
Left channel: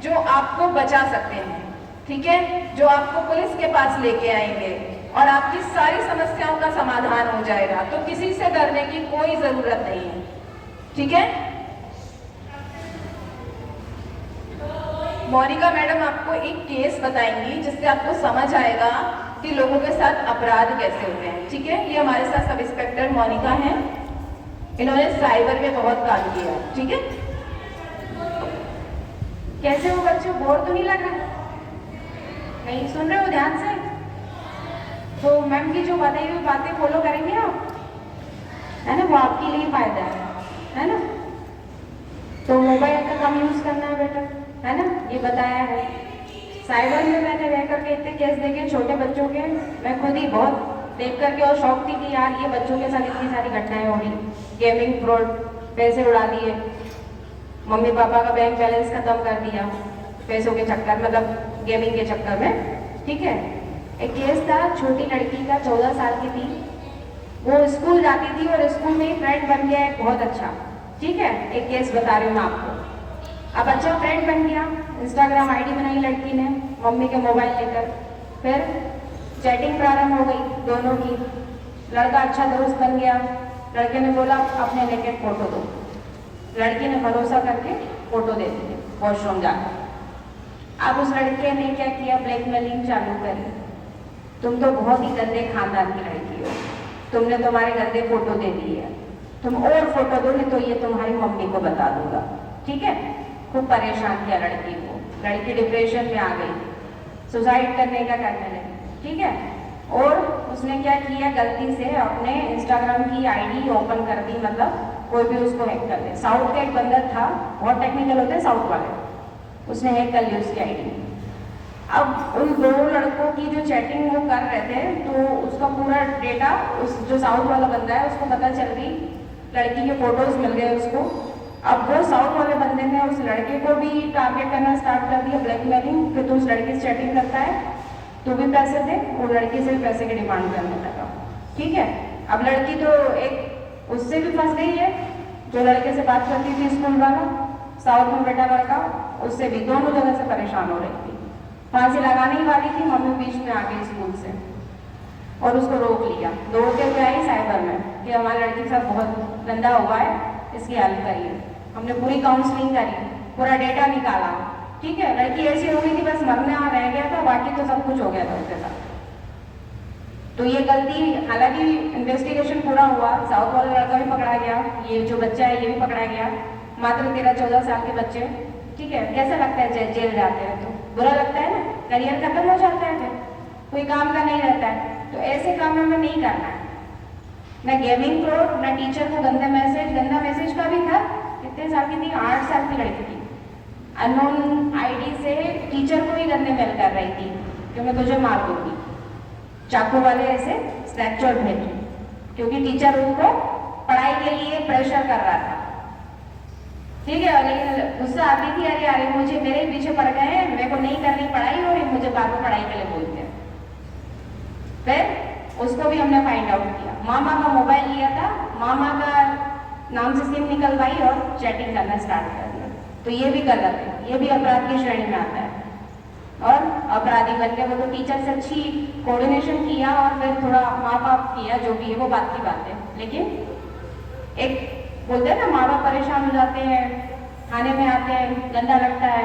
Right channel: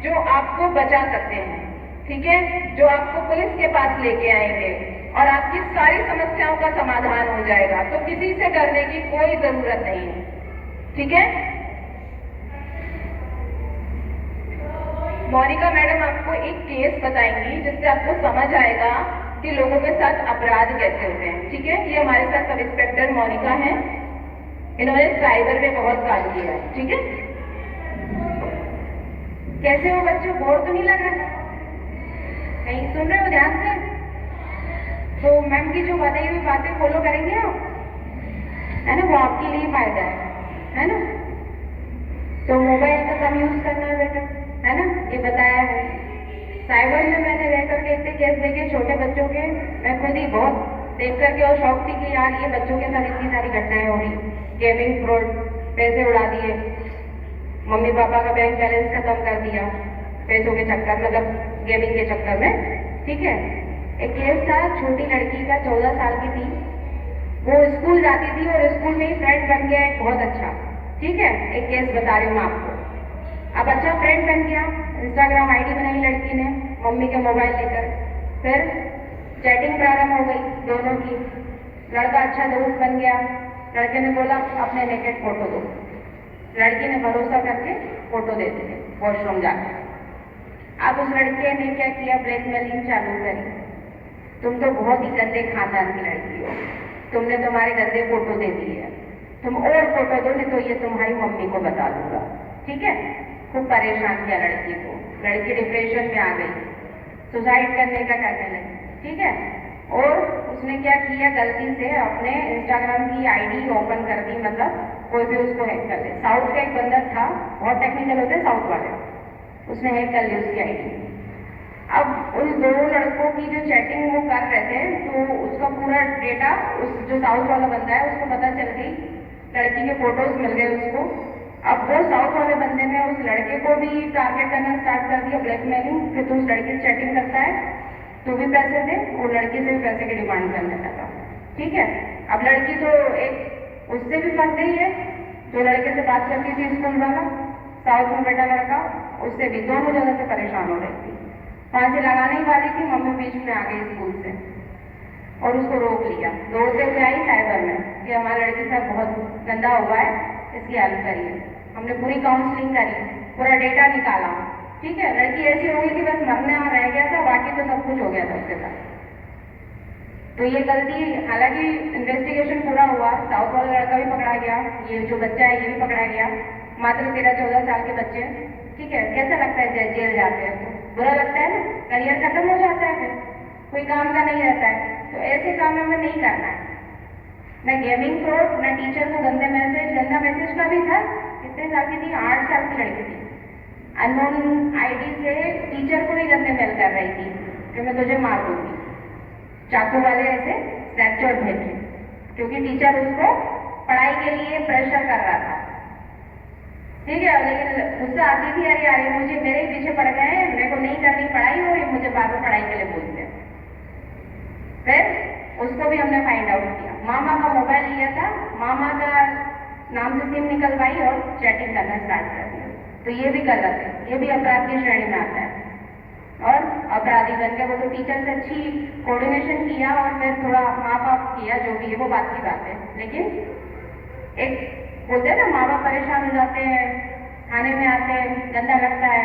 जो आपको बचा सकते हैं, ठीक है, जो आपको पुलिस के पास लेके आएंगे और आपकी सारी समस्याओं का समाधान हो जाएगा। तो किसी से डरने की कोई जरूरत नहीं है, ठीक है। मोनिका मैडम आपको एक केस बताएंगी जिससे आपको समझ आएगा कि लोगों के साथ अपराध कैसे होते हैं, ठीक है। ये हमारे साथ सब इंस्पेक्टर मोनिका हैं। इन्होंने साइबर में बहुत काम किया, ठीक है। कैसे हो बच्चों, बोर तो नहीं लग रहा? नहीं सुन रहे हो ध्यान से? तो मैम की जो बताई हुई बातें फॉलो करेंगे आप, है ना, वो आपके लिए फायदा है ना। तो मोबाइल का कम यूज करना है बेटा, है ना, ये बताया है। साइबर में मैंने रह करके इतने केस देखे छोटे बच्चों के, मैं खुद ही बहुत देख करके और शौक थी कि यार ये बच्चों के साथ इतनी सारी घटनाएं हो रही। गेमिंग फ्रॉड, पैसे उड़ा दिए, मम्मी पापा का बैंक बैलेंस खत्म कर दिया पैसों के चक्कर, मतलब गेमिंग के चक्कर में, ठीक है। एक केस था, छोटी लड़की का, 14 साल की थी, वो स्कूल जाती थी और स्कूल में ही फ्रेंड बन गया एक बहुत अच्छा, ठीक है। एक केस बता रही हूँ मैं आपको। अब अच्छा फ्रेंड बन गया, इंस्टाग्राम आईडी बनाई लड़की ने मम्मी के मोबाइल लेकर, फिर चैटिंग प्रारंभ हो गई दोनों की। लड़का अच्छा दोस्त बन गया, लड़के ने बोला अपने नेकेड फोटो दो, लड़की ने भरोसा करके फोटो दे दी वॉशरूम जाकर। अब उस लड़के ने क्या किया, ब्लैकमेलिंग चालू करी। तुम तो बहुत ही गंदे खानदान की लड़की हो, तुमने तुम्हारे गंदे फोटो दे दिए है, तुम और फोटो दो नहीं तो ये तुम्हारी मम्मी को बता दूंगा, ठीक है। खूब परेशान किया लड़की को, लड़की डिप्रेशन में आ गई, सुसाइड करने का करने लगी, ठीक है। और उसने क्या किया, गलती से अपने इंस्टाग्राम की आईडी ओपन कर दी, मतलब कोई भी उसको हैक कर दे। साउथ का एक बंदा था, बहुत टेक्निकल होते हैं साउथ वाले, उसने हैक कर ली उसकी आईडी। अब उन दो लड़कों की जो चैटिंग वो कर रहे थे तो उसका पूरा डेटा उस जो साउथ वाला बंदा है उसको पता चल गई, लड़की के फोटोज मिल गए उसको। अब वो साउथ वाले बंदे ने उस लड़के को भी टारगेट करना स्टार्ट कर दिया, ब्लैकमेलिंग, कि तू उस लड़की से चैटिंग करता है, तू भी पैसे दे, और लड़की से भी पैसे की डिमांड करने लगा, ठीक है। अब लड़की तो एक उससे भी फंस गई है, जो लड़के से बात करती थी स्कूल वाला, साउथ में बेटा लड़का, उससे भी दोनों जगह से परेशान हो रही थी। फांसी लगाने ही वाली थी, मम्मी बीच में आ गई स्कूल से और उसको रोक लिया। दौड़ते हुए आई साइबर में कि हमारी लड़की के साथ बहुत गंदा हुआ है, इसकी हेल्प करिए। हमने पूरी काउंसलिंग करी, पूरा डेटा निकाला, ठीक है। लड़की ऐसी हो गई थी बस मरने रह गया था, बाकी तो सब कुछ हो गया था उसके साथ। तो ये गलती, हालांकि इन्वेस्टिगेशन पूरा हुआ, साउथ वाला लड़का भी पकड़ा गया, ये जो बच्चा है ये भी पकड़ा गया, मात्र 13-14 साल के बच्चे, ठीक है। कैसा लगता है जेल जाते हैं तो बुरा लगता है ना, करियर खत्म हो जाता है, फिर कोई काम का नहीं रहता है। तो ऐसे काम हमें नहीं करना है, ना गेमिंग फ्रॉड, ना टीचर को गंदा मैसेज का भी था। कितने साल की थी, 8 साल की लड़की थी, अननोन आईडी से टीचर को भी गंदे मेल कर रही थी कि मैं तुझे मार दूंगी, चाकू वाले ऐसे स्नैपचैट भेजे, क्योंकि टीचर उनको पढ़ाई के लिए प्रेशर कर रहा था, ठीक है। लेकिन गुस्सा आती थी, अरे अरे मुझे मेरे ही पीछे पड़ गए हैं, मेरे को नहीं करनी पढ़ाई और मुझे बाद में पढ़ाई के लिए बोलते हैं। फिर उसको भी हमने फाइंड आउट किया, मामा का मोबाइल लिया था, मामा का नाम से सिम निकलवाई और चैटिंग करना स्टार्ट कर दिया। तो ये भी गलत है, ये भी अपराध की श्रेणी में आता है और अपराधी बन के वो तो टीचर से अच्छी कोऑर्डिनेशन किया और फिर थोड़ा माँ बाप किया, जो भी है वो बात की बात है। लेकिन एक बोलते हैं ना, माँ बाप परेशान हो जाते हैं, खाने में आते हैं, गंदा लगता है,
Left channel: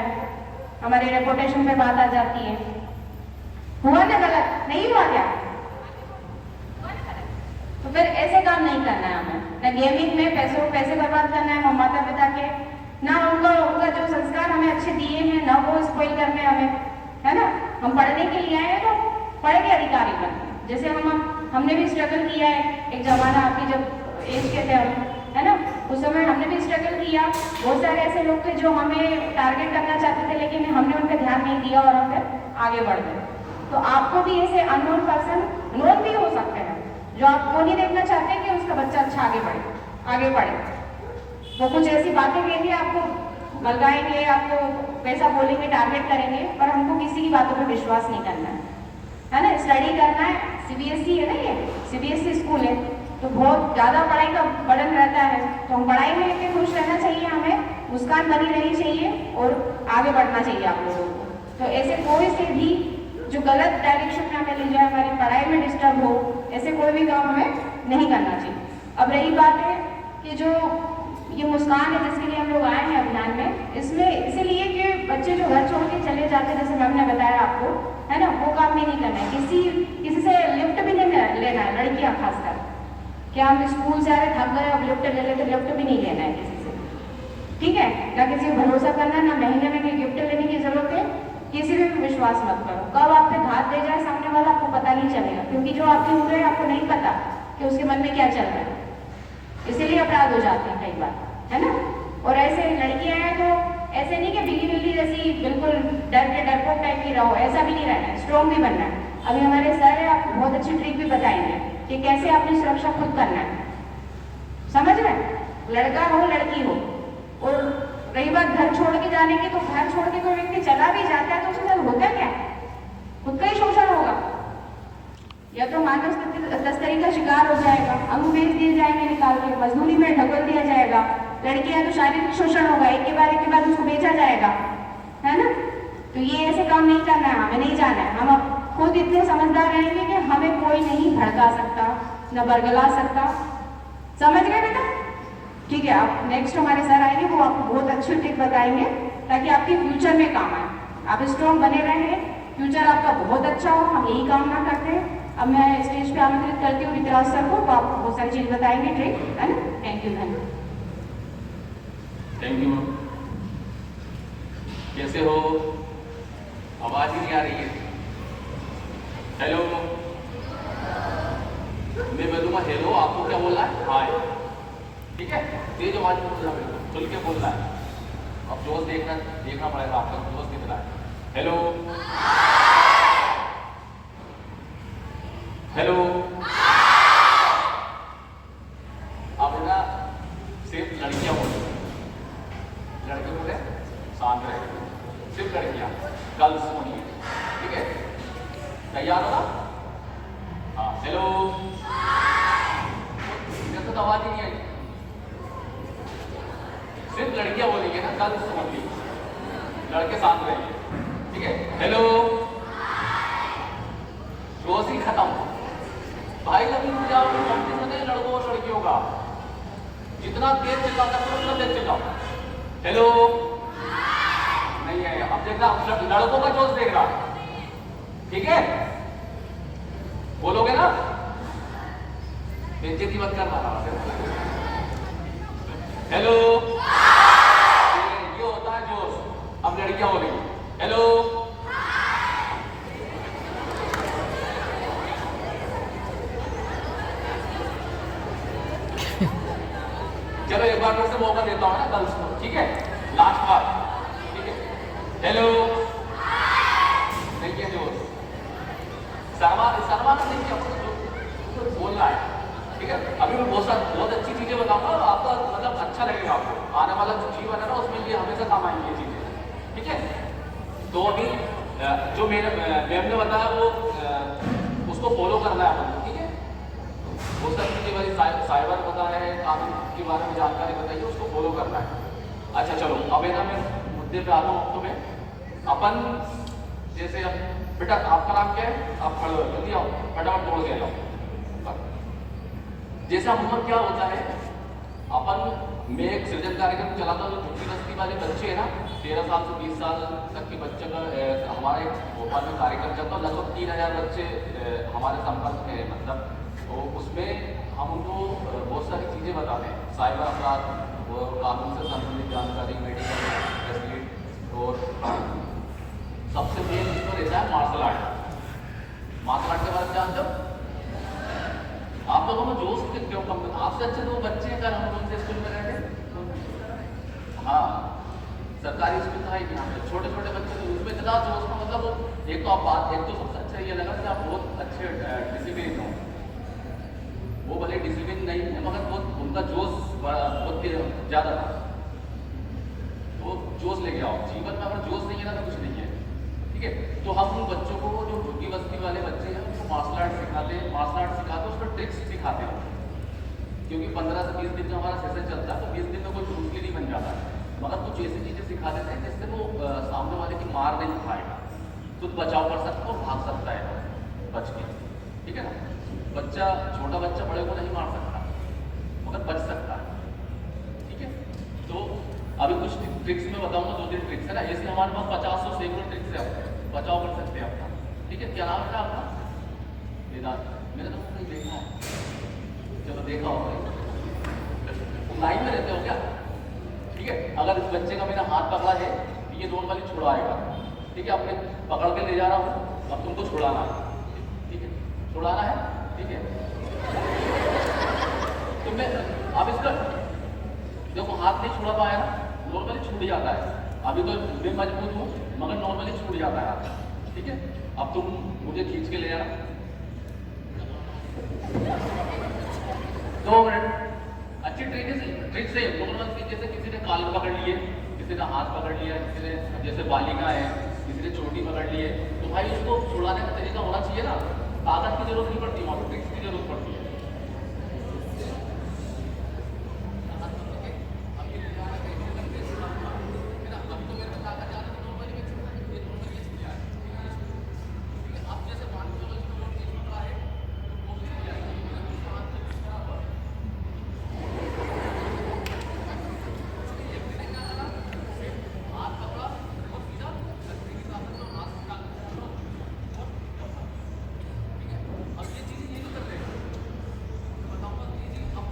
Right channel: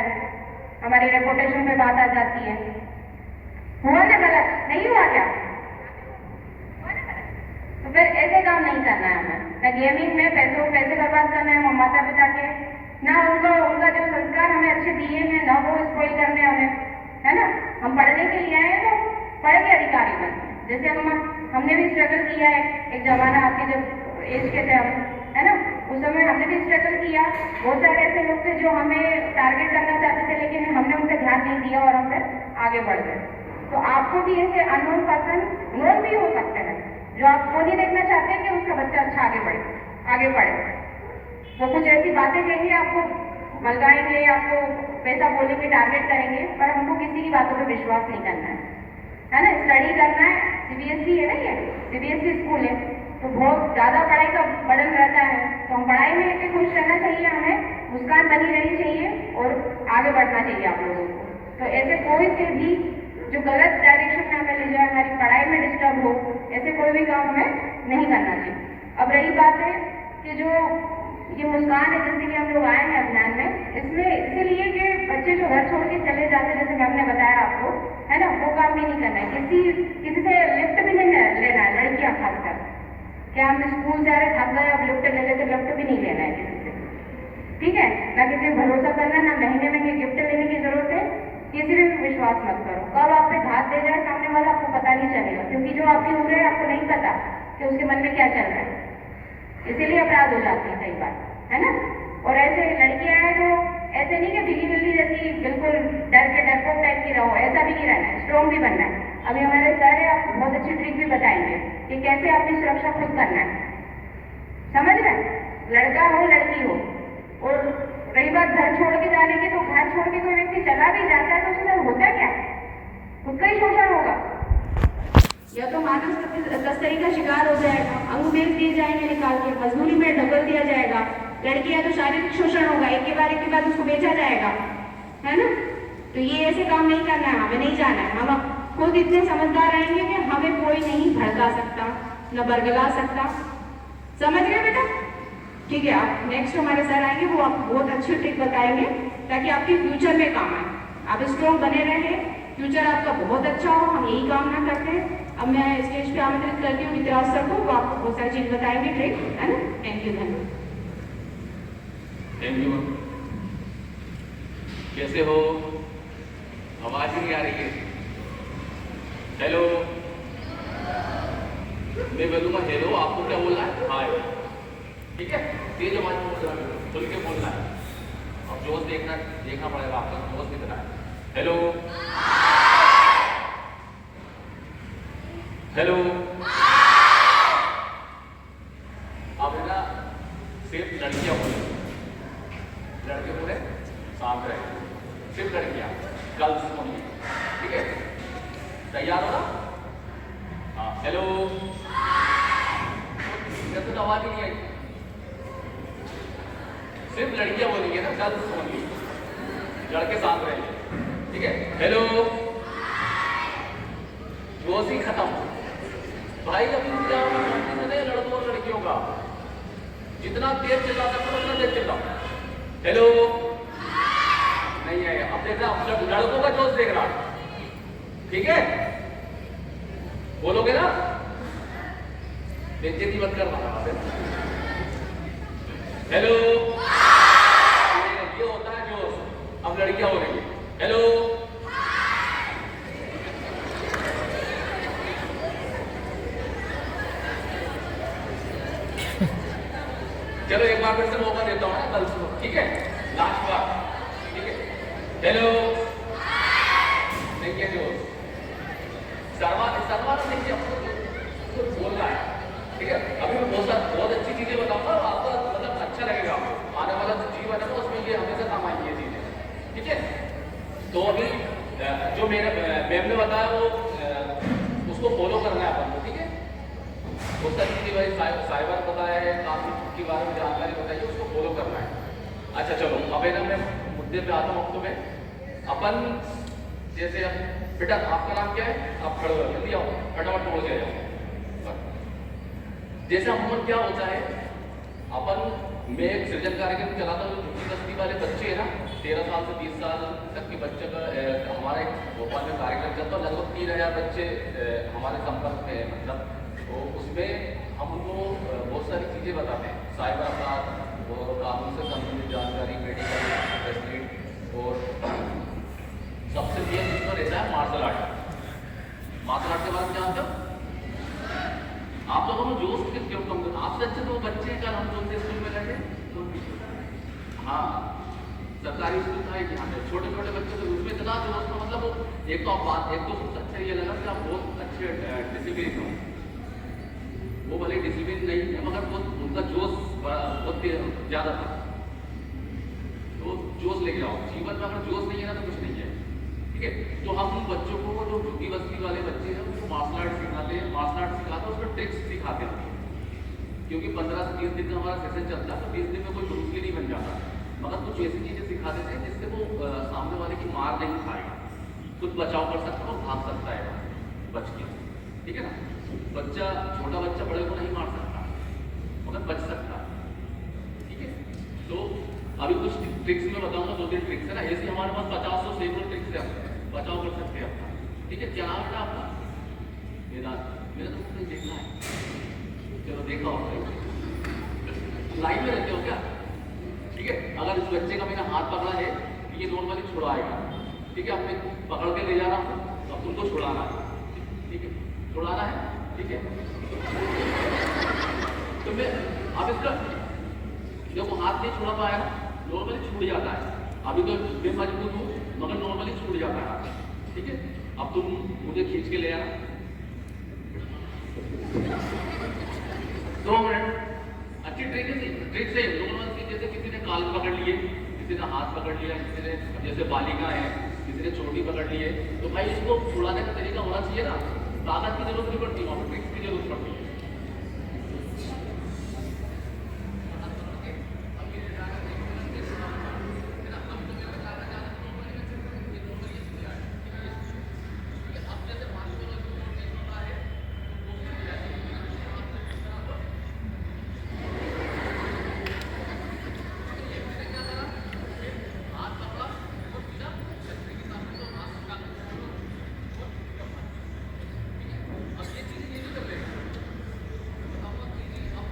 हमारी रेपुटेशन पे बात आ जाती है। हुआ ना गलत, नहीं हुआ क्या? तो फिर ऐसे काम नहीं करना है हमें, ना गेमिंग में पैसे बर्बाद करना है माता पिता के, ना उनका जो संस्कार हमें अच्छे दिए हैं ना वो स्पॉइल करने हमें, है ना। हम पढ़ने के लिए आए हैं तो पढ़ के अधिकारी बनते हैं। जैसे हमने भी स्ट्रगल किया है, एक जमाना आपके जब एज के थे हम, है ना, उस समय हमने भी स्ट्रगल किया। बहुत सारे ऐसे लोग थे जो हमें टारगेट करना चाहते थे, लेकिन हमने उन पर ध्यान नहीं दिया और हम फिर आगे बढ़ गए। तो आपको भी ऐसे अननोन पर्सन, नोन भी हो सकते हैं, जो आप वो नहीं देखना चाहते कि उसका बच्चा अच्छा आगे बढ़े। वो कुछ ऐसी बातें कहेंगे, आपको बलगाएंगे, आपको पैसा बोलेंगे, टारगेट करेंगे, पर हमको किसी की बातों पे विश्वास नहीं करना है ना। स्टडी करना है, सीबीएसई है ना, ये सीबीएसई स्कूल है, तो बहुत ज़्यादा पढ़ाई का बर्डन रहता है, तो हम पढ़ाई में इतने खुश रहना चाहिए, हमें मुस्कान बनी रहनी चाहिए और आगे बढ़ना चाहिए आप लोगों को। तो ऐसे कोई से भी जो गलत डायरेक्शन में हमें ले जाए, हमारी पढ़ाई में डिस्टर्ब हो, ऐसे कोई भी काम हमें नहीं करना चाहिए। अब रही बात है कि जो ये मुस्कान है जिसके लिए हम लोग आए हैं अभियान में, इसमें इसीलिए कि बच्चे जो घर छोड़ के चले जाते हैं, जैसे मैम ने बताया आपको, है ना, वो काम भी नहीं करना है। किसी से लिफ्ट भी नहीं लेना है, लड़कियां खासकर। क्या हम स्कूल से आ रहे थक गए, अब लिफ्ट ले लेते, लिफ्ट भी नहीं लेना है किसी से, ठीक है ना। किसी को भरोसा करना, ना महीने में गिफ्ट लेने की जरूरत है, किसी भी विश्वास मत करो। कब आप पे घात दे जाए सामने वाला, आपको पता नहीं चलेगा, क्योंकि जो आपकी उम्र है आपको नहीं पता कि उसके मन में क्या चल रहा है, इसीलिए अपराध हो जाते हैं कई बार, है ना। और ऐसे लड़कियां हैं तो ऐसे नहीं कि बिल्ली बिल्ली जैसी बिल्कुल डर के डरपोक टाइप की रहो, ऐसा भी नहीं रहना है, स्ट्रॉन्ग भी बनना है। अभी हमारे सर है, आपको बहुत अच्छी ट्रिक भी बताएंगे कि कैसे अपनी सुरक्षा खुद करना है, समझ रहे हैं, लड़का हो लड़की हो। और रही बात घर छोड़ के जाने की, तो घर छोड़ के कोई व्यक्ति चला भी जाता है तो उसके साथ होता क्या, खुद का ही शोषण होगा, या तो मानव तस्करी का शिकार हो जाएगा, अंग बेच दिए जाएंगे निकाल के, मजदूरी में ढकल दिया जाएगा, लड़की है तो शारीरिक शोषण होगा, एक के बाद उसको बेचा जाएगा, है ना। तो ये ऐसे काम नहीं करना है, हमें नहीं जाना है। हम खुद इतने समझदार रहेंगे कि हमें कोई नहीं भड़का सकता, न बरगला सकता, समझ गए बेटा, ठीक है। आप नेक्स्ट हमारे सर आएंगे, वो आपको बहुत अच्छी ट्रिक बताएंगे ताकि आपके फ्यूचर में काम आए, आप स्ट्रॉन्ग बने रहेंगे, फ्यूचर आपका बहुत अच्छा हो, हम यही कामना करते हैं। अब मैं स्टेज पे आमंत्रित करती हूँ ऋतराज सर को, तो आपको बहुत सारी चीज बताएंगे, ट्रिक, है ना। थैंक यू धन्यवाद। Thank you. कैसे हो? आवाज ही नहीं आ रही है। हेलो, मैं बोलूँगा हेलो, आपको क्या बोलना है? हाय, ठीक है, तेज आवाज में बोलना है, खुल के बोलना है। अब जोश देखना पड़ेगा, आपका जोश कितना है। हेलो हेलो, अब है ना, सिर्फ लड़कियां बोले, लड़के बोले शांत रहे, सिर्फ लड़कियां, गर्ल्स ओनली, ठीक है, तैयार हो ना? हाँ, हेलो, मेरे को आवाज ही नहीं आई, सिर्फ लड़कियां बोलेंगे ना, गर्ल्स ओनली, लड़के शांत रहेंगे, ठीक है। हेलो, जोश ही खत्म भाई, अभी क्या लड़कों और लड़कियों का जितना तेज चिल्ला सकते हो उतना तेज चिल्लाओ। हेलो, नहीं है, अब देख रहा लड़कों का जोश देख रहा, ठीक है, बोलोगे ना, बेइज्जती मत कर रहा। हेलो, ये होता है जोश। अब लड़कियां हो रही, हेलो, चलो एक बार फिर से मौका देता हूँ ना, गर्ल्स को, ठीक है, लास्ट बार, ठीक है। हेलो, नहीं है जोश, शर्मा तो नहीं है, बोल रहा है, ठीक है। अभी मैं बहुत अच्छी चीजें बताऊंगा, आपको मतलब अच्छा लगेगा, आपको आने वाला जो जीवन है ना उसमें ये हमेशा काम आएंगी ये चीजें, ठीक है। तो अभी जो मेरे मैम ने बताया वो उसको फॉलो करना है अपन को, ठीक है। वो सब की बारे साइबर बताया है, कानून के बारे में जानकारी बताइए, उसको फॉलो करना है। अच्छा चलो, अब है ना मैं मुद्दे पे आता हूँ। तुम्हें अपन जैसे बेटा, आपका नाम क्या है? आप खड़े हो, जल्दी आओ, फटाफट तोड़ के जाओ। जैसा हम क्या होता है, अपन मैं एक सृजन कार्यक्रम चलाता हूँ, जो झुग्गी बस्ती वाले बच्चे है ना, 13 साल से 20 साल तक के बच्चे का हमारे भोपाल में कार्यक्रम चलता है। लगभग 3000 बच्चे हमारे संपर्क में है, मतलब तो उसमें हम उनको बहुत सारी चीज़ें बताते हैं, साइबर अपराध, कानून से संबंधित जानकारी, मेडिकल फैसिलिटी, और सबसे मेन इसमें रहता है मार्शल आर्ट। मार्शल आर्ट के बाद जानते हो आप लोगों में जोश क्यों कम करता, आपसे अच्छे तो वो बच्चे हैं, अगर हम लोग के स्कूल में रहते, हाँ सरकारी स्कूल था एक यहाँ पे, छोटे छोटे बच्चे तो उसमें इतना जोश था, मतलब वो एक तो आप बात, एक तो सबसे अच्छा ये लगा कि आप बहुत अच्छे डिसिप्लिन हो, वो भले डिसिप्लिन नहीं है मगर बहुत उनका जोश बहुत ज़्यादा था। तो जोश लेके आओ, जीवन में अगर जोश नहीं है ना तो कुछ नहीं है, ठीक है। तो हम उन बच्चों को, जो झुग्गी बस्ती वाले बच्चे हैं उनको मार्शल आर्ट सिखाते हैं, मार्शल आर्ट सिखाते हैं, उसको ट्रिक्स सिखाते हैं, क्योंकि 15 से 20 दिन का हमारा सेशन चलता है, तो 20 दिन में कोई ब्रूसली नहीं बन जाता, मगर कुछ ऐसी चीज़ें सिखा देते हैं जिससे वो सामने वाले की मार नहीं खाएगा, खुद बचाव कर सकता है और भाग सकता है बच के, ठीक है ना। बच्चा, छोटा बच्चा बड़े को नहीं मार सकता मगर बच सकता है, ठीक है। तो अभी कुछ ट्रिक्स में बताऊंगा, 2-3 ट्रिक्स है ना, ऐसे हमारे पास 50 से 100 ट्रिक्स है, बचाव कर सकते हैं अपना, ठीक है। क्या नाम है आपका? वेदांत, मैंने तो नहीं देखा है, चलो देखा होगा, तुम लाइन में रहते हो क्या? ठीक है। अगर इस बच्चे का मैंने हाथ पकड़ा है, ये नॉर्मली छुड़ाएगा, ठीक है, अपने पकड़ के ले जा रहा हूँ, अब तुमको छुड़ाना है, ठीक है, छुड़ाना है, ठीक है। तो मैं अब इसका देखो हाथ नहीं छुड़ा पाएगा, नॉर्मली छूट जाता है, अभी तो मैं मजबूत हूँ मगर नॉर्मली छूट जाता है हाथ, ठीक है। अब तुम मुझे खींच के ले आना, 2 मिनट, अच्छी ट्रिक से नॉर्मल की, जैसे किसी ने कान पकड़ लिए, किसी ने हाथ पकड़ लिया, किसी ने जैसे बालिका है, किसी ने चोटी पकड़ ली है, तो भाई इसको छुड़ाने का तरीका होना चाहिए ना, ताकत की जरूरत नहीं पड़ती, वहाँ पर ट्रिक्स की जरूरत पड़ती है। अब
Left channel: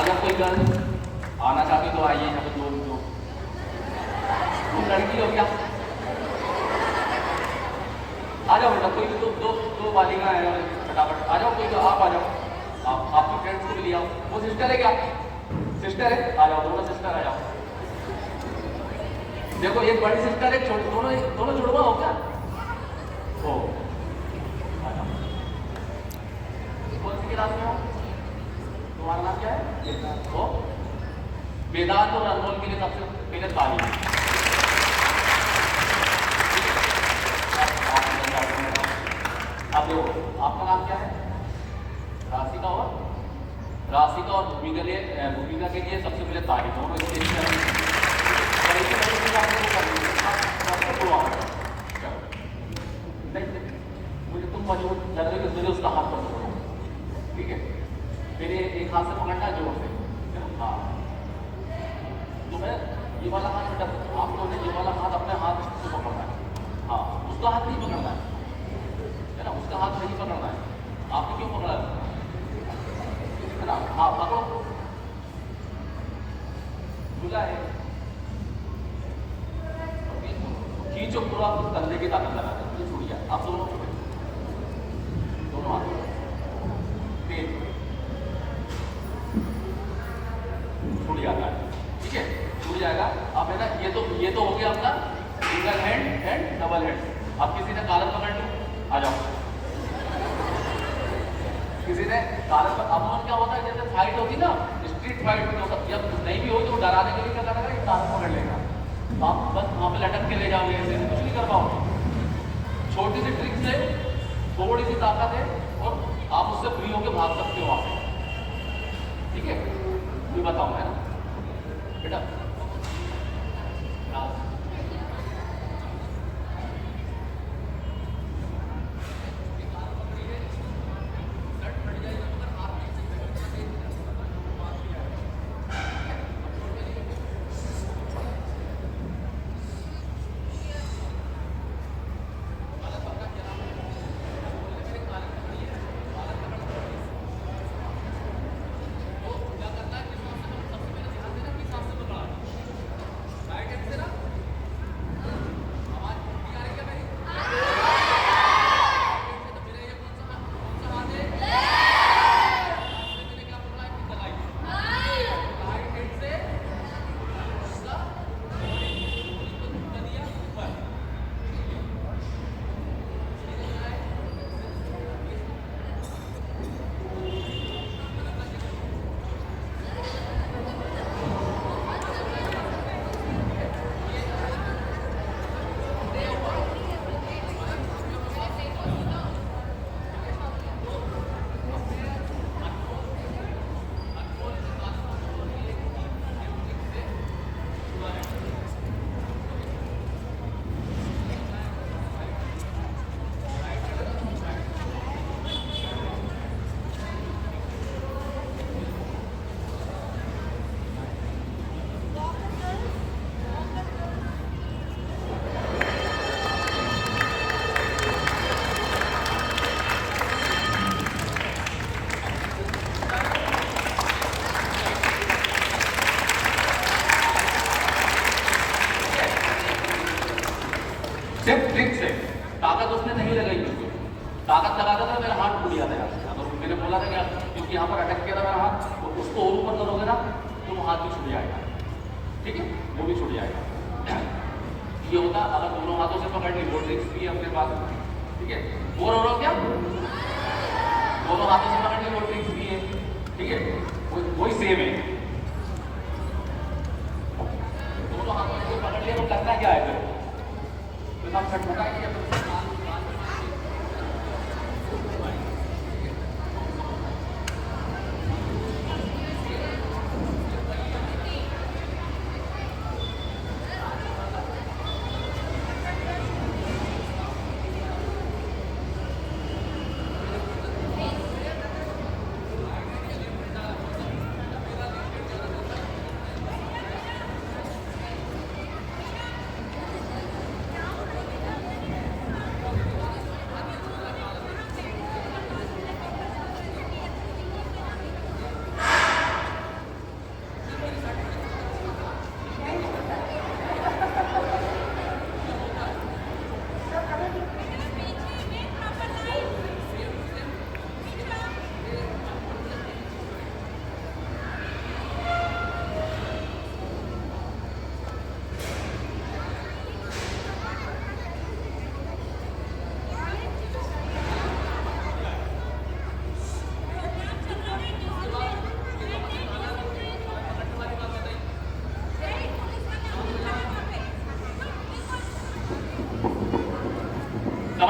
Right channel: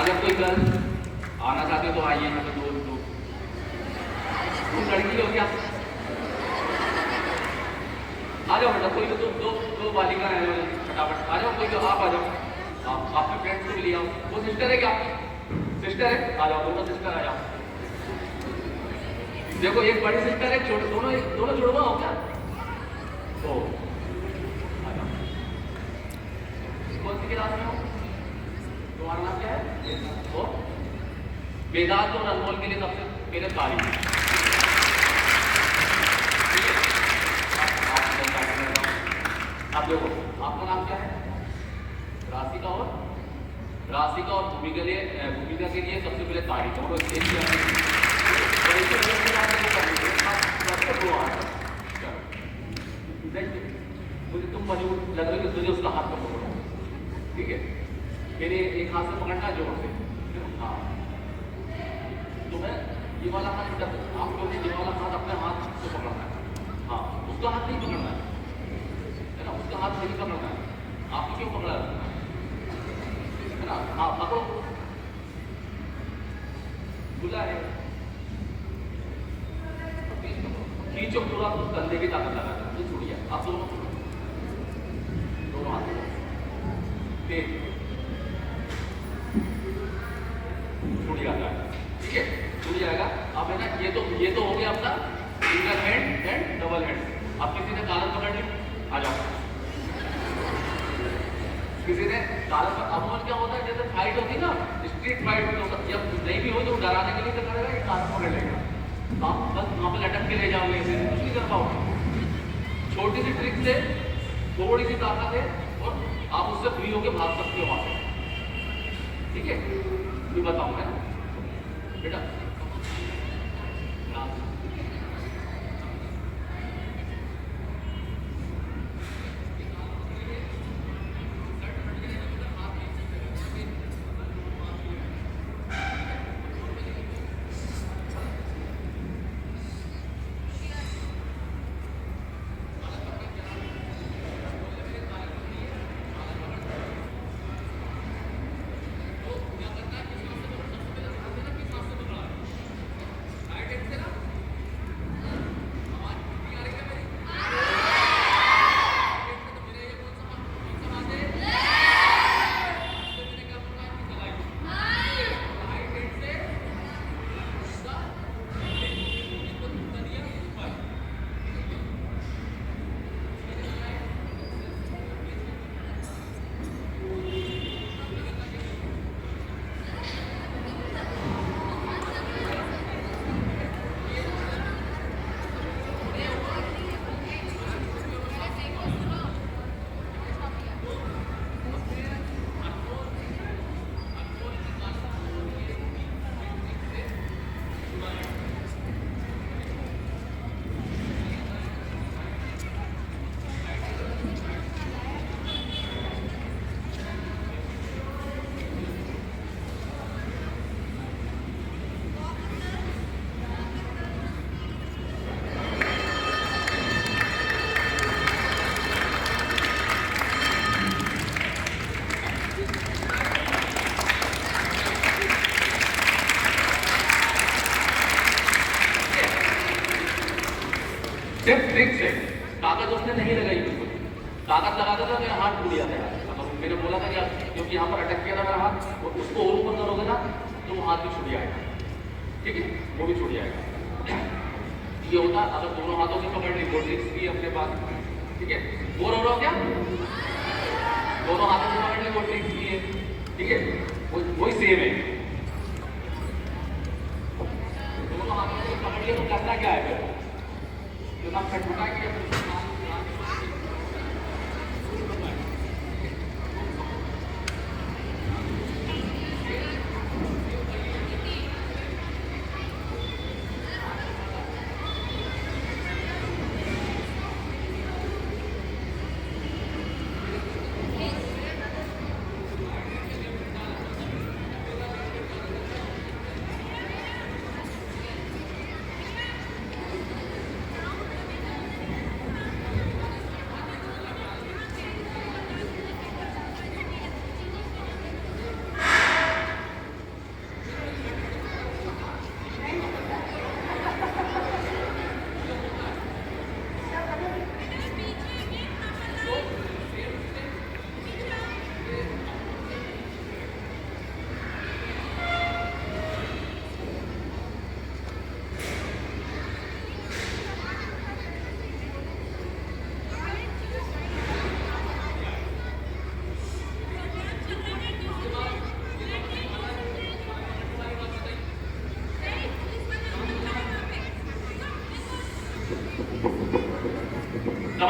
अगर कोई गर्ल आना चाहती तो आइए यहाँ पे दो तुम लड़की हो क्या? आ जाओ बेटा, कोई दो बालिका है फटाफट आ जाओ, कोई आप आ जाओ, आपकी फ्रेंड्स को भी ले आओ। वो सिस्टर है क्या? सिस्टर है, आ जाओ दोनों सिस्टर आ जाओ। देखो एक बड़ी सिस्टर है, दोनों जुड़वा हो क्या? ओ आ जाओ। कौन सी क्लास में हो? तुम्हारा नाम क्या है? ओ वेदांत और अनमोल के लिए सबसे पहले तारीफ। आप लोग आपका नाम क्या है? राशिका और भूमिका के लिए सबसे पहले तारीफ हो। मुझे तुम मजबूत लग रही हो, मुझे उसका हाथ पकड़ो, ठीक है? मेरे एक हाथ से पकड़ना जोर से, हाँ। तुम्हें ये वाला हाथ, आप लोगों ने ये वाला हाथ अपने हाथ से पकड़ना है, हाँ। उसका हाथ नहीं पकड़ना है ना, उसका हाथ नहीं पकड़ना है। आपको क्यों पकड़ा है ना? हाँ पकड़ो, खुला है, खींचो पूरा, कंधे की ताकत लगा ये छूट गया। आप दोनों हाथ छूट जाता है, ठीक है? छूट जाएगा। अब है ना, ये तो हो गया अपना single hand and double hand. अब किसी ने कॉलर पकड़ लिया, आ जाओ। किसी ने कॉलर पर, अब क्या होता है जैसे फाइट होती ना, स्ट्रीट फाइट में होता, जब नहीं भी हो तो डराने के लिए क्या करेगा, एक हाथ पकड़ लेगा, आप बस वहाँ पे लटक के ले जाओगे, कुछ नहीं कर पाओगे। छोटी सी ट्रिक से थोड़ी सी ताकत है और आप उससे फ्री होकर भाग सकते हो वहाँ से, ठीक है? ये बताऊँ मैं बेटा। सिर्फ ट्रिक से ताकत उसने नहीं लगाई, बिल्कुल ताकत लगाता था तो हाथ टूट जाता है। तो मैंने बोला था कि क्योंकि यहाँ पर अटक गया था मेरा हाथ, तो उसको और ऊपर करोगे ना तो वो हाथ भी छूट जाएगा, ठीक है? वो भी छूट जाएगा। ये होता अगर दोनों हाथों से पकड़ ली, वो ट्रिक्स भी अपने पास, ठीक है? बोर हो रहा हो क्या? दोनों हाथों से पकड़ ली, वो ट्रिक्स भी है, ठीक है? वही सेम है, दोनों हाथों से पकड़ लिया तो करना क्या है फिर? तो खटखटा के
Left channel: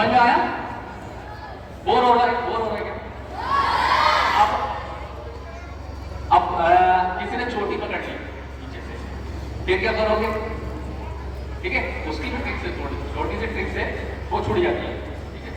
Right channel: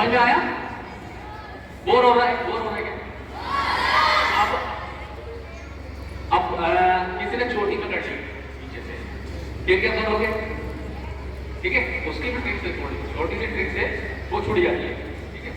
समझ में आया? बोर हो रहा है? बोर हो रहा है क्या? अब किसी ने चोटी पकड़ ली नीचे से, फिर क्या करोगे? ठीक है, उसकी भी ट्रिक से, थोड़ी छोटी सी ट्रिक से वो छूट जाती है। ठीक है,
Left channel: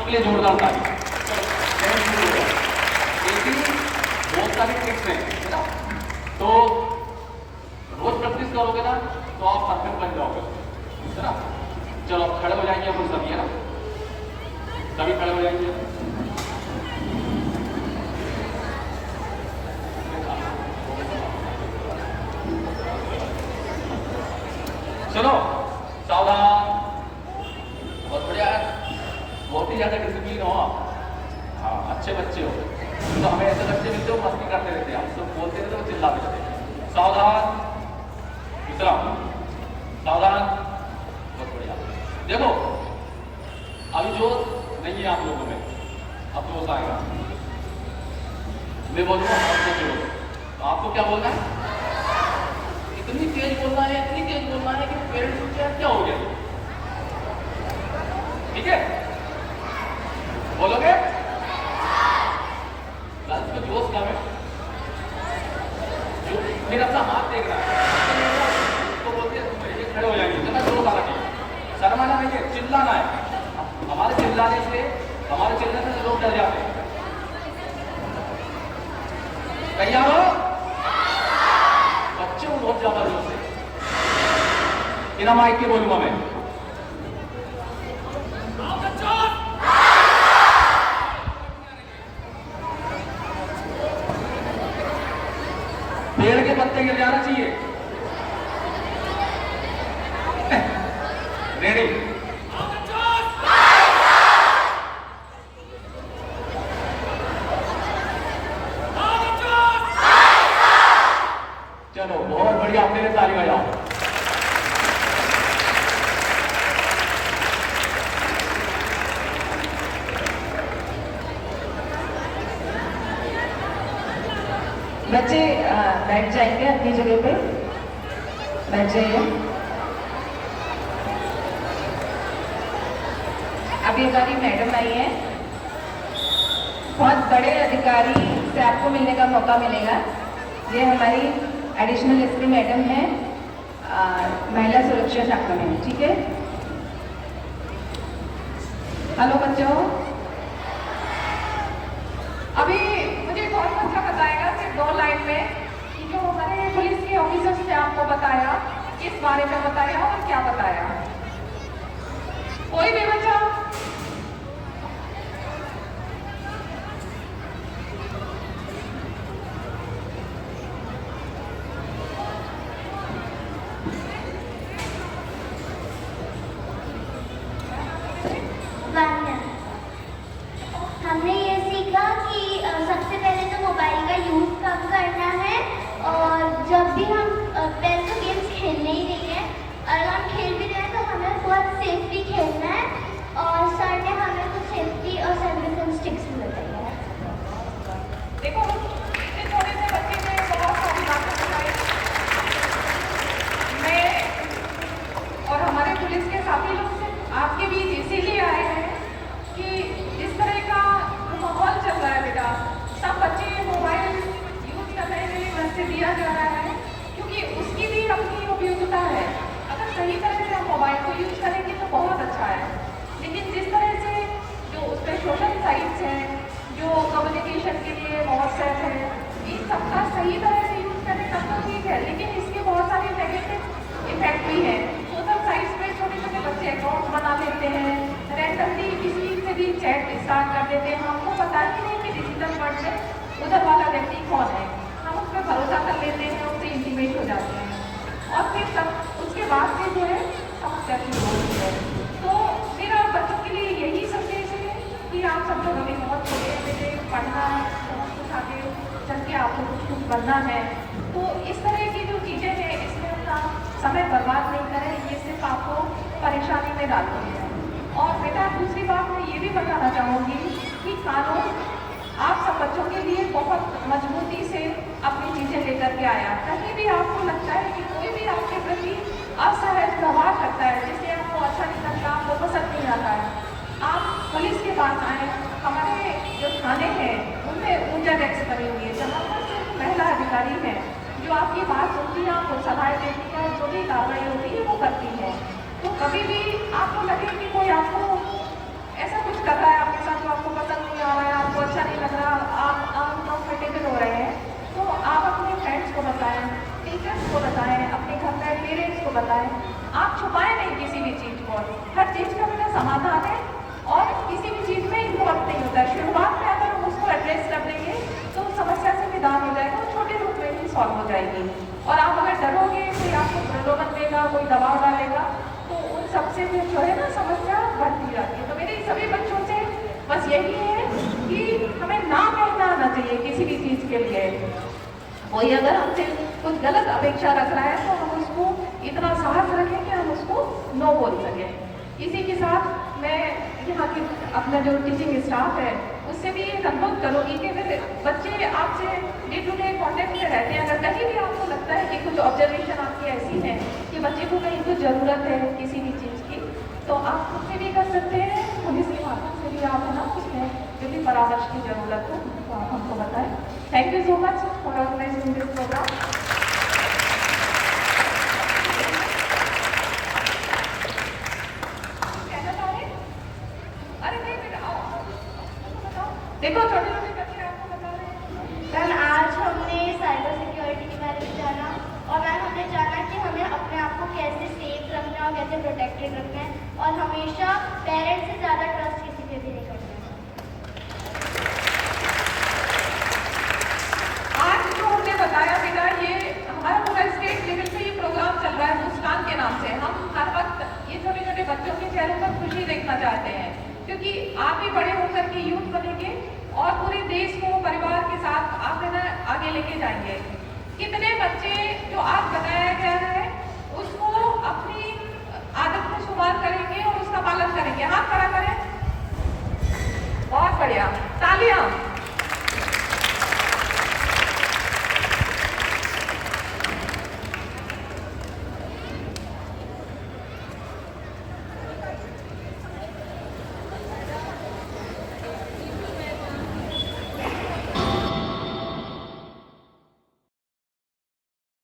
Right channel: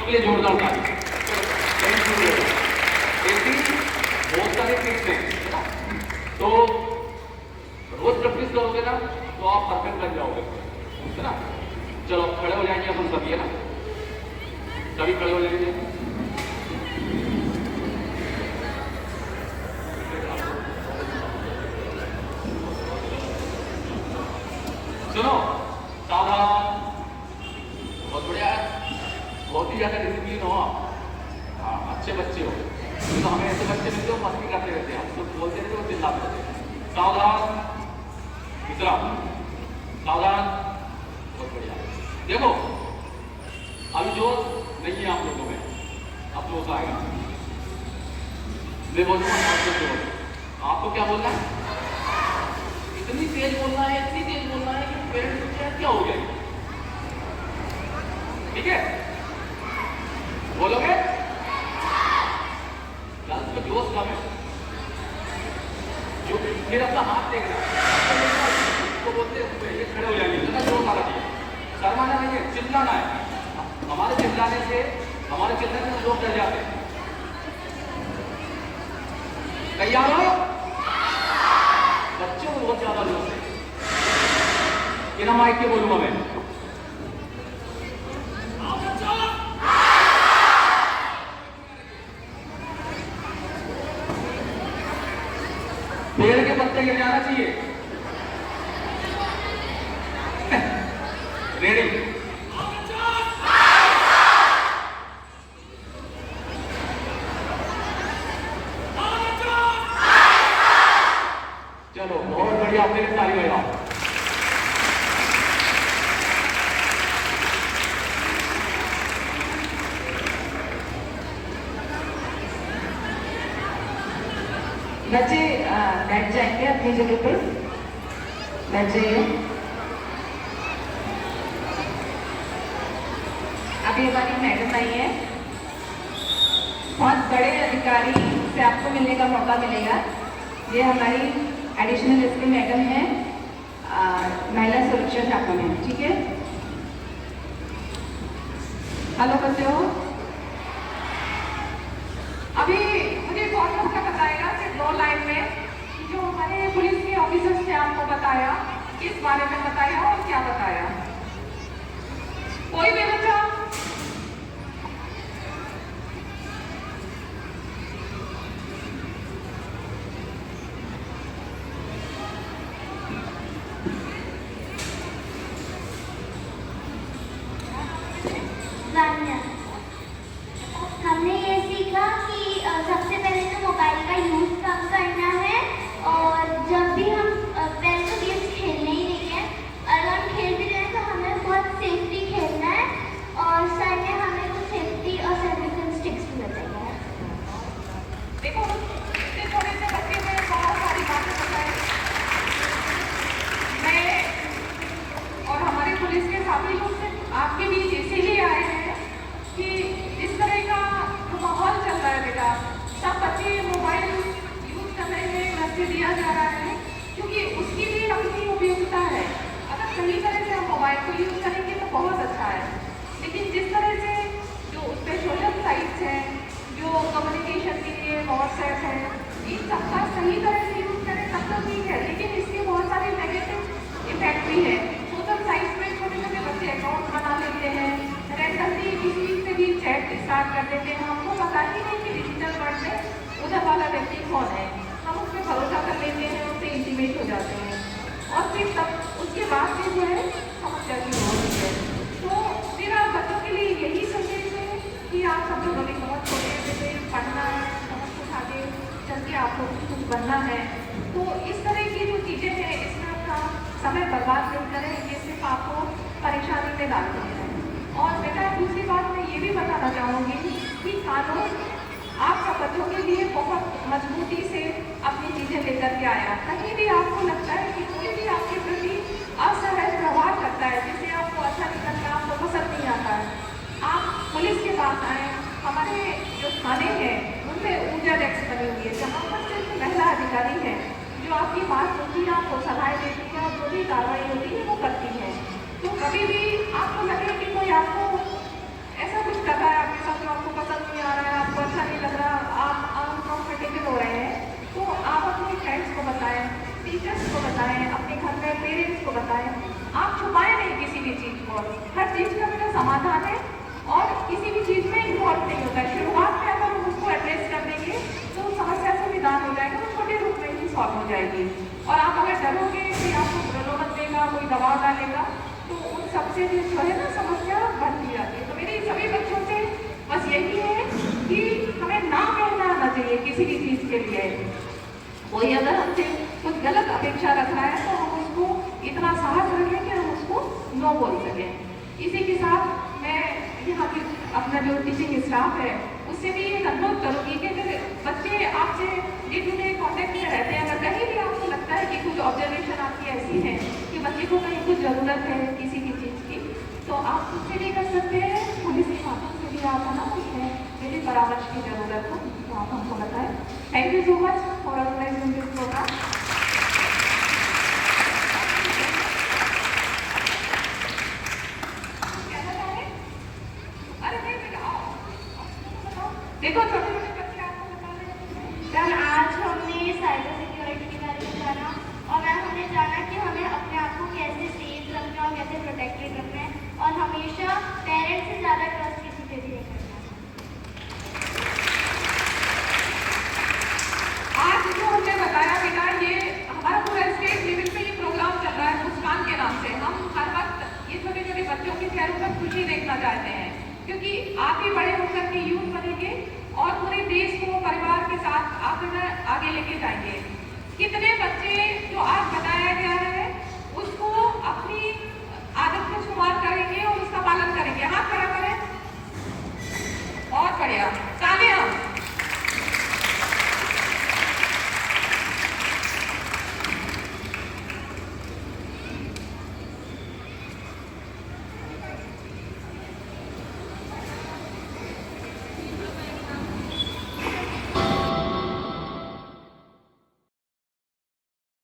के लिए जोरदार ताली। ऐसी बहुत सारी ट्रिक्स हैं, तो रोज प्रैक्टिस करोगे ना तो आप परफेक्ट बन जाओगे, है ना? चलो खड़े हो जाएंगे अपन सभी, है ना? सभी खड़े हो जाएंगे। चलो सावधान, बहुत बढ़िया, बहुत ही ज्यादा डिसिप्लिन हो आप। हाँ, अच्छे बच्चे हो, तो हमें ऐसे बच्चे मिलते हो मस्ती करते रहते हैं, हम लोग बोलते रहते हो चिल्लाते रहते हैं। सावधान, विश्राम, सावधान, बहुत बढ़िया। देखो अभी जोश नहीं है आप लोगों में, अब जोश आएगा। मैं बोलूँगा आपको क्या बोलना है? इतनी तेज बोलना है, इतनी तेज बोलना है कि पेरेंट्स सोचे क्या हो गया। ठीक है, बोलोगे? क्लास में जोश कम है, जो फिर अपना हाथ देखना है तो बोलते हैं खड़े हो जाएंगे, जितना जोश आना चाहिए, शर्माना नहीं है, चिल्लाना है। हमारे चिल्लाने से लोग डर जाते हैं। तैयार हो? बच्चे बहुत ज्यादा जोश है, बिना माइक के बोलूंगा मैं। पेड़ के पत्ते गिर जाना चाहिए। रेडी? चलो बहुत बढ़िया, आपके लिए ताली बजाओ। बच्चे बैठ जाएंगे अपनी जगह पे, बैठ जाइए। अभी हमारी मैडम आई है, बहुत बड़े अधिकारी से आपको मिलने का मौका मिलेगा। ये हमारी एडिशनल एसपी मैडम है महिला सुरक्षा शाखा में। ठीक है, हेलो बच्चों। अभी मुझे बहुत अच्छा बताएगा सिर्फ 2 लाइन में कि जो हमारे पुलिस के ऑफिसर्स ने आपको बताया, किस बारे में बताया और क्या बताया। कोई भी बच्चा? हमने ये सीखा कि सबसे पहले तो मोबाइल का यूज़ कम करना है, और जब भी हम पहले तो गेम्स खेलने ही नहीं है, अगर हम खेल भी रहे भी है। सोशल साइट्स पे छोटे छोटे बच्चे अकाउंट बना लेते हैं, रैंडमली किसी से भी चैट स्टार्ट कर देते हैं। हमको पता ही नहीं कि डिजिटल वर्ल्ड में उधर वाला व्यक्ति कौन है, हम उस पर भरोसा कर लेते हैं, उससे इंटीमेट हो जाते हैं और फिर तब उसके बाद से जो है समस्या शुरू होती है। तो मेरा बच्चों के लिए यही संदेश है कि आप सब लोगों ने बहुत छोटे बच्चे पढ़ना उठा के चल के आपको कुछ बनना है, तो इस तरह की जो चीज़ें हैं इसमें अपना समय बर्बाद नहीं करें, ये सिर्फ आपको परेशानी में डालती है। और बेटा दूसरी बात मैं ये भी बताना चाहूँगी कि कानून आप सब बच्चों के लिए बहुत मजबूती से अपनी चीज़ें लेकर के आया। कहीं भी आपको लगता है कि कोई भी आपके प्रति असहज व्यवहार करता है, जिससे आपको अच्छा नहीं लगता, आपको पसंद नहीं आता है, आप पुलिस के पास आए। हमारे जो थाने हैं उनमें ऊर्जा डेस्क बनी हुई है, जहाँ पर सिर्फ महिला अधिकारी हैं जो आपकी बात सुनती है, आपको सलाह देती है, जो भी कार्रवाई होती है वो करती है। तो कभी भी आपको लगे कि कोई आपको ऐसा कुछ कर रहा है आपके साथ जो आपको पसंद नहीं आ रहा है, आपको अच्छा नहीं लग रहा, आप अनकम्फर्टेबल हो रहे हैं, तो आप अपने फ्रेंड्स को बताएं, टीचर्स को बताएं, अपने घर में पेरेंट्स को बताएं। आप छुपाएं नहीं किसी भी चीज़ को, हर चीज़ का मेरा समाधान है और किसी भी चीज़ में इन्वॉल्व नहीं होता है। शुरुआत में अगर हम उसको एड्रेस कर देंगे तो समस्या से निदान हो जाएगा, वो छोटे रूप में ही सॉल्व हो जाएगी। और आप अगर डरोगे कि आपको प्रलोभन देगा, कोई दबाव डालेगा, तो उन सबसे भी जो है ना समस्या बढ़ती जाती है। तो मेरे सभी बच्चों से बस यही है कि हमें ना कहना आना चाहिए किसी भी चीज़ के लिए। कोई अगर हमसे कुछ गलत अपेक्षा रख रहा है तो हम उसको इतना साहस रखें कि हम उसको नो बोल सकें। इसी के साथ मैं यहाँ के अपना जो टीचिंग स्टाफ है उससे भी ये अनुरोध करूँगी कि अगर बच्चे आपसे डे टू डे कॉन्टेक्ट में रहते हैं, अगर कहीं भी आपको लगता है कि कुछ ऑब्जर्वेशन आपकी ऐसी है कि बच्चे को कहीं कुछ ज़रूरत है किसी भी चीज़ की, तो आप उससे भी कर सकते हैं। पुलिस के माध्यम से भी आप है ना उसमें यदि परामर्श की ज़रूरत हो तो आप हमको बताएं। Thank you so much for organising this program. देखो छोटे छोटे बच्चे आपको बता रहे हैं। मैम आज हमने साइबर सिक्योरिटी के बारे में जाना और मैम हमने जाना कि हमें अपने आप को कैसे सेफ रखना है और कैसे प्रोटेक्टेड रखना है और हमेशा पेरेंट्स से ज़्यादा ट्रस्ट किसी पे भी नहीं करना है। आज जो हमने बताया बेटा, ये हमारा पूरा स्टेट लेवल पे ये प्रोग्राम चल रहा है मुस्कान के नाम से। हम हर वक्त ये छोटे छोटे बच्चों के चेहरों पर खुशी देखना चाहते हैं, क्योंकि आप ही बड़े होकर के यूथ बनेंगे और पूरे देश को परिवार के साथ आप आगे लेके जाएंगे। कितने बच्चे जो आज बताया गया है उसको अपनी आदत में शुमार करेंगे और उसका पालन करेंगे? हाथ खड़ा करें। बहुत बढ़िया, तालियां।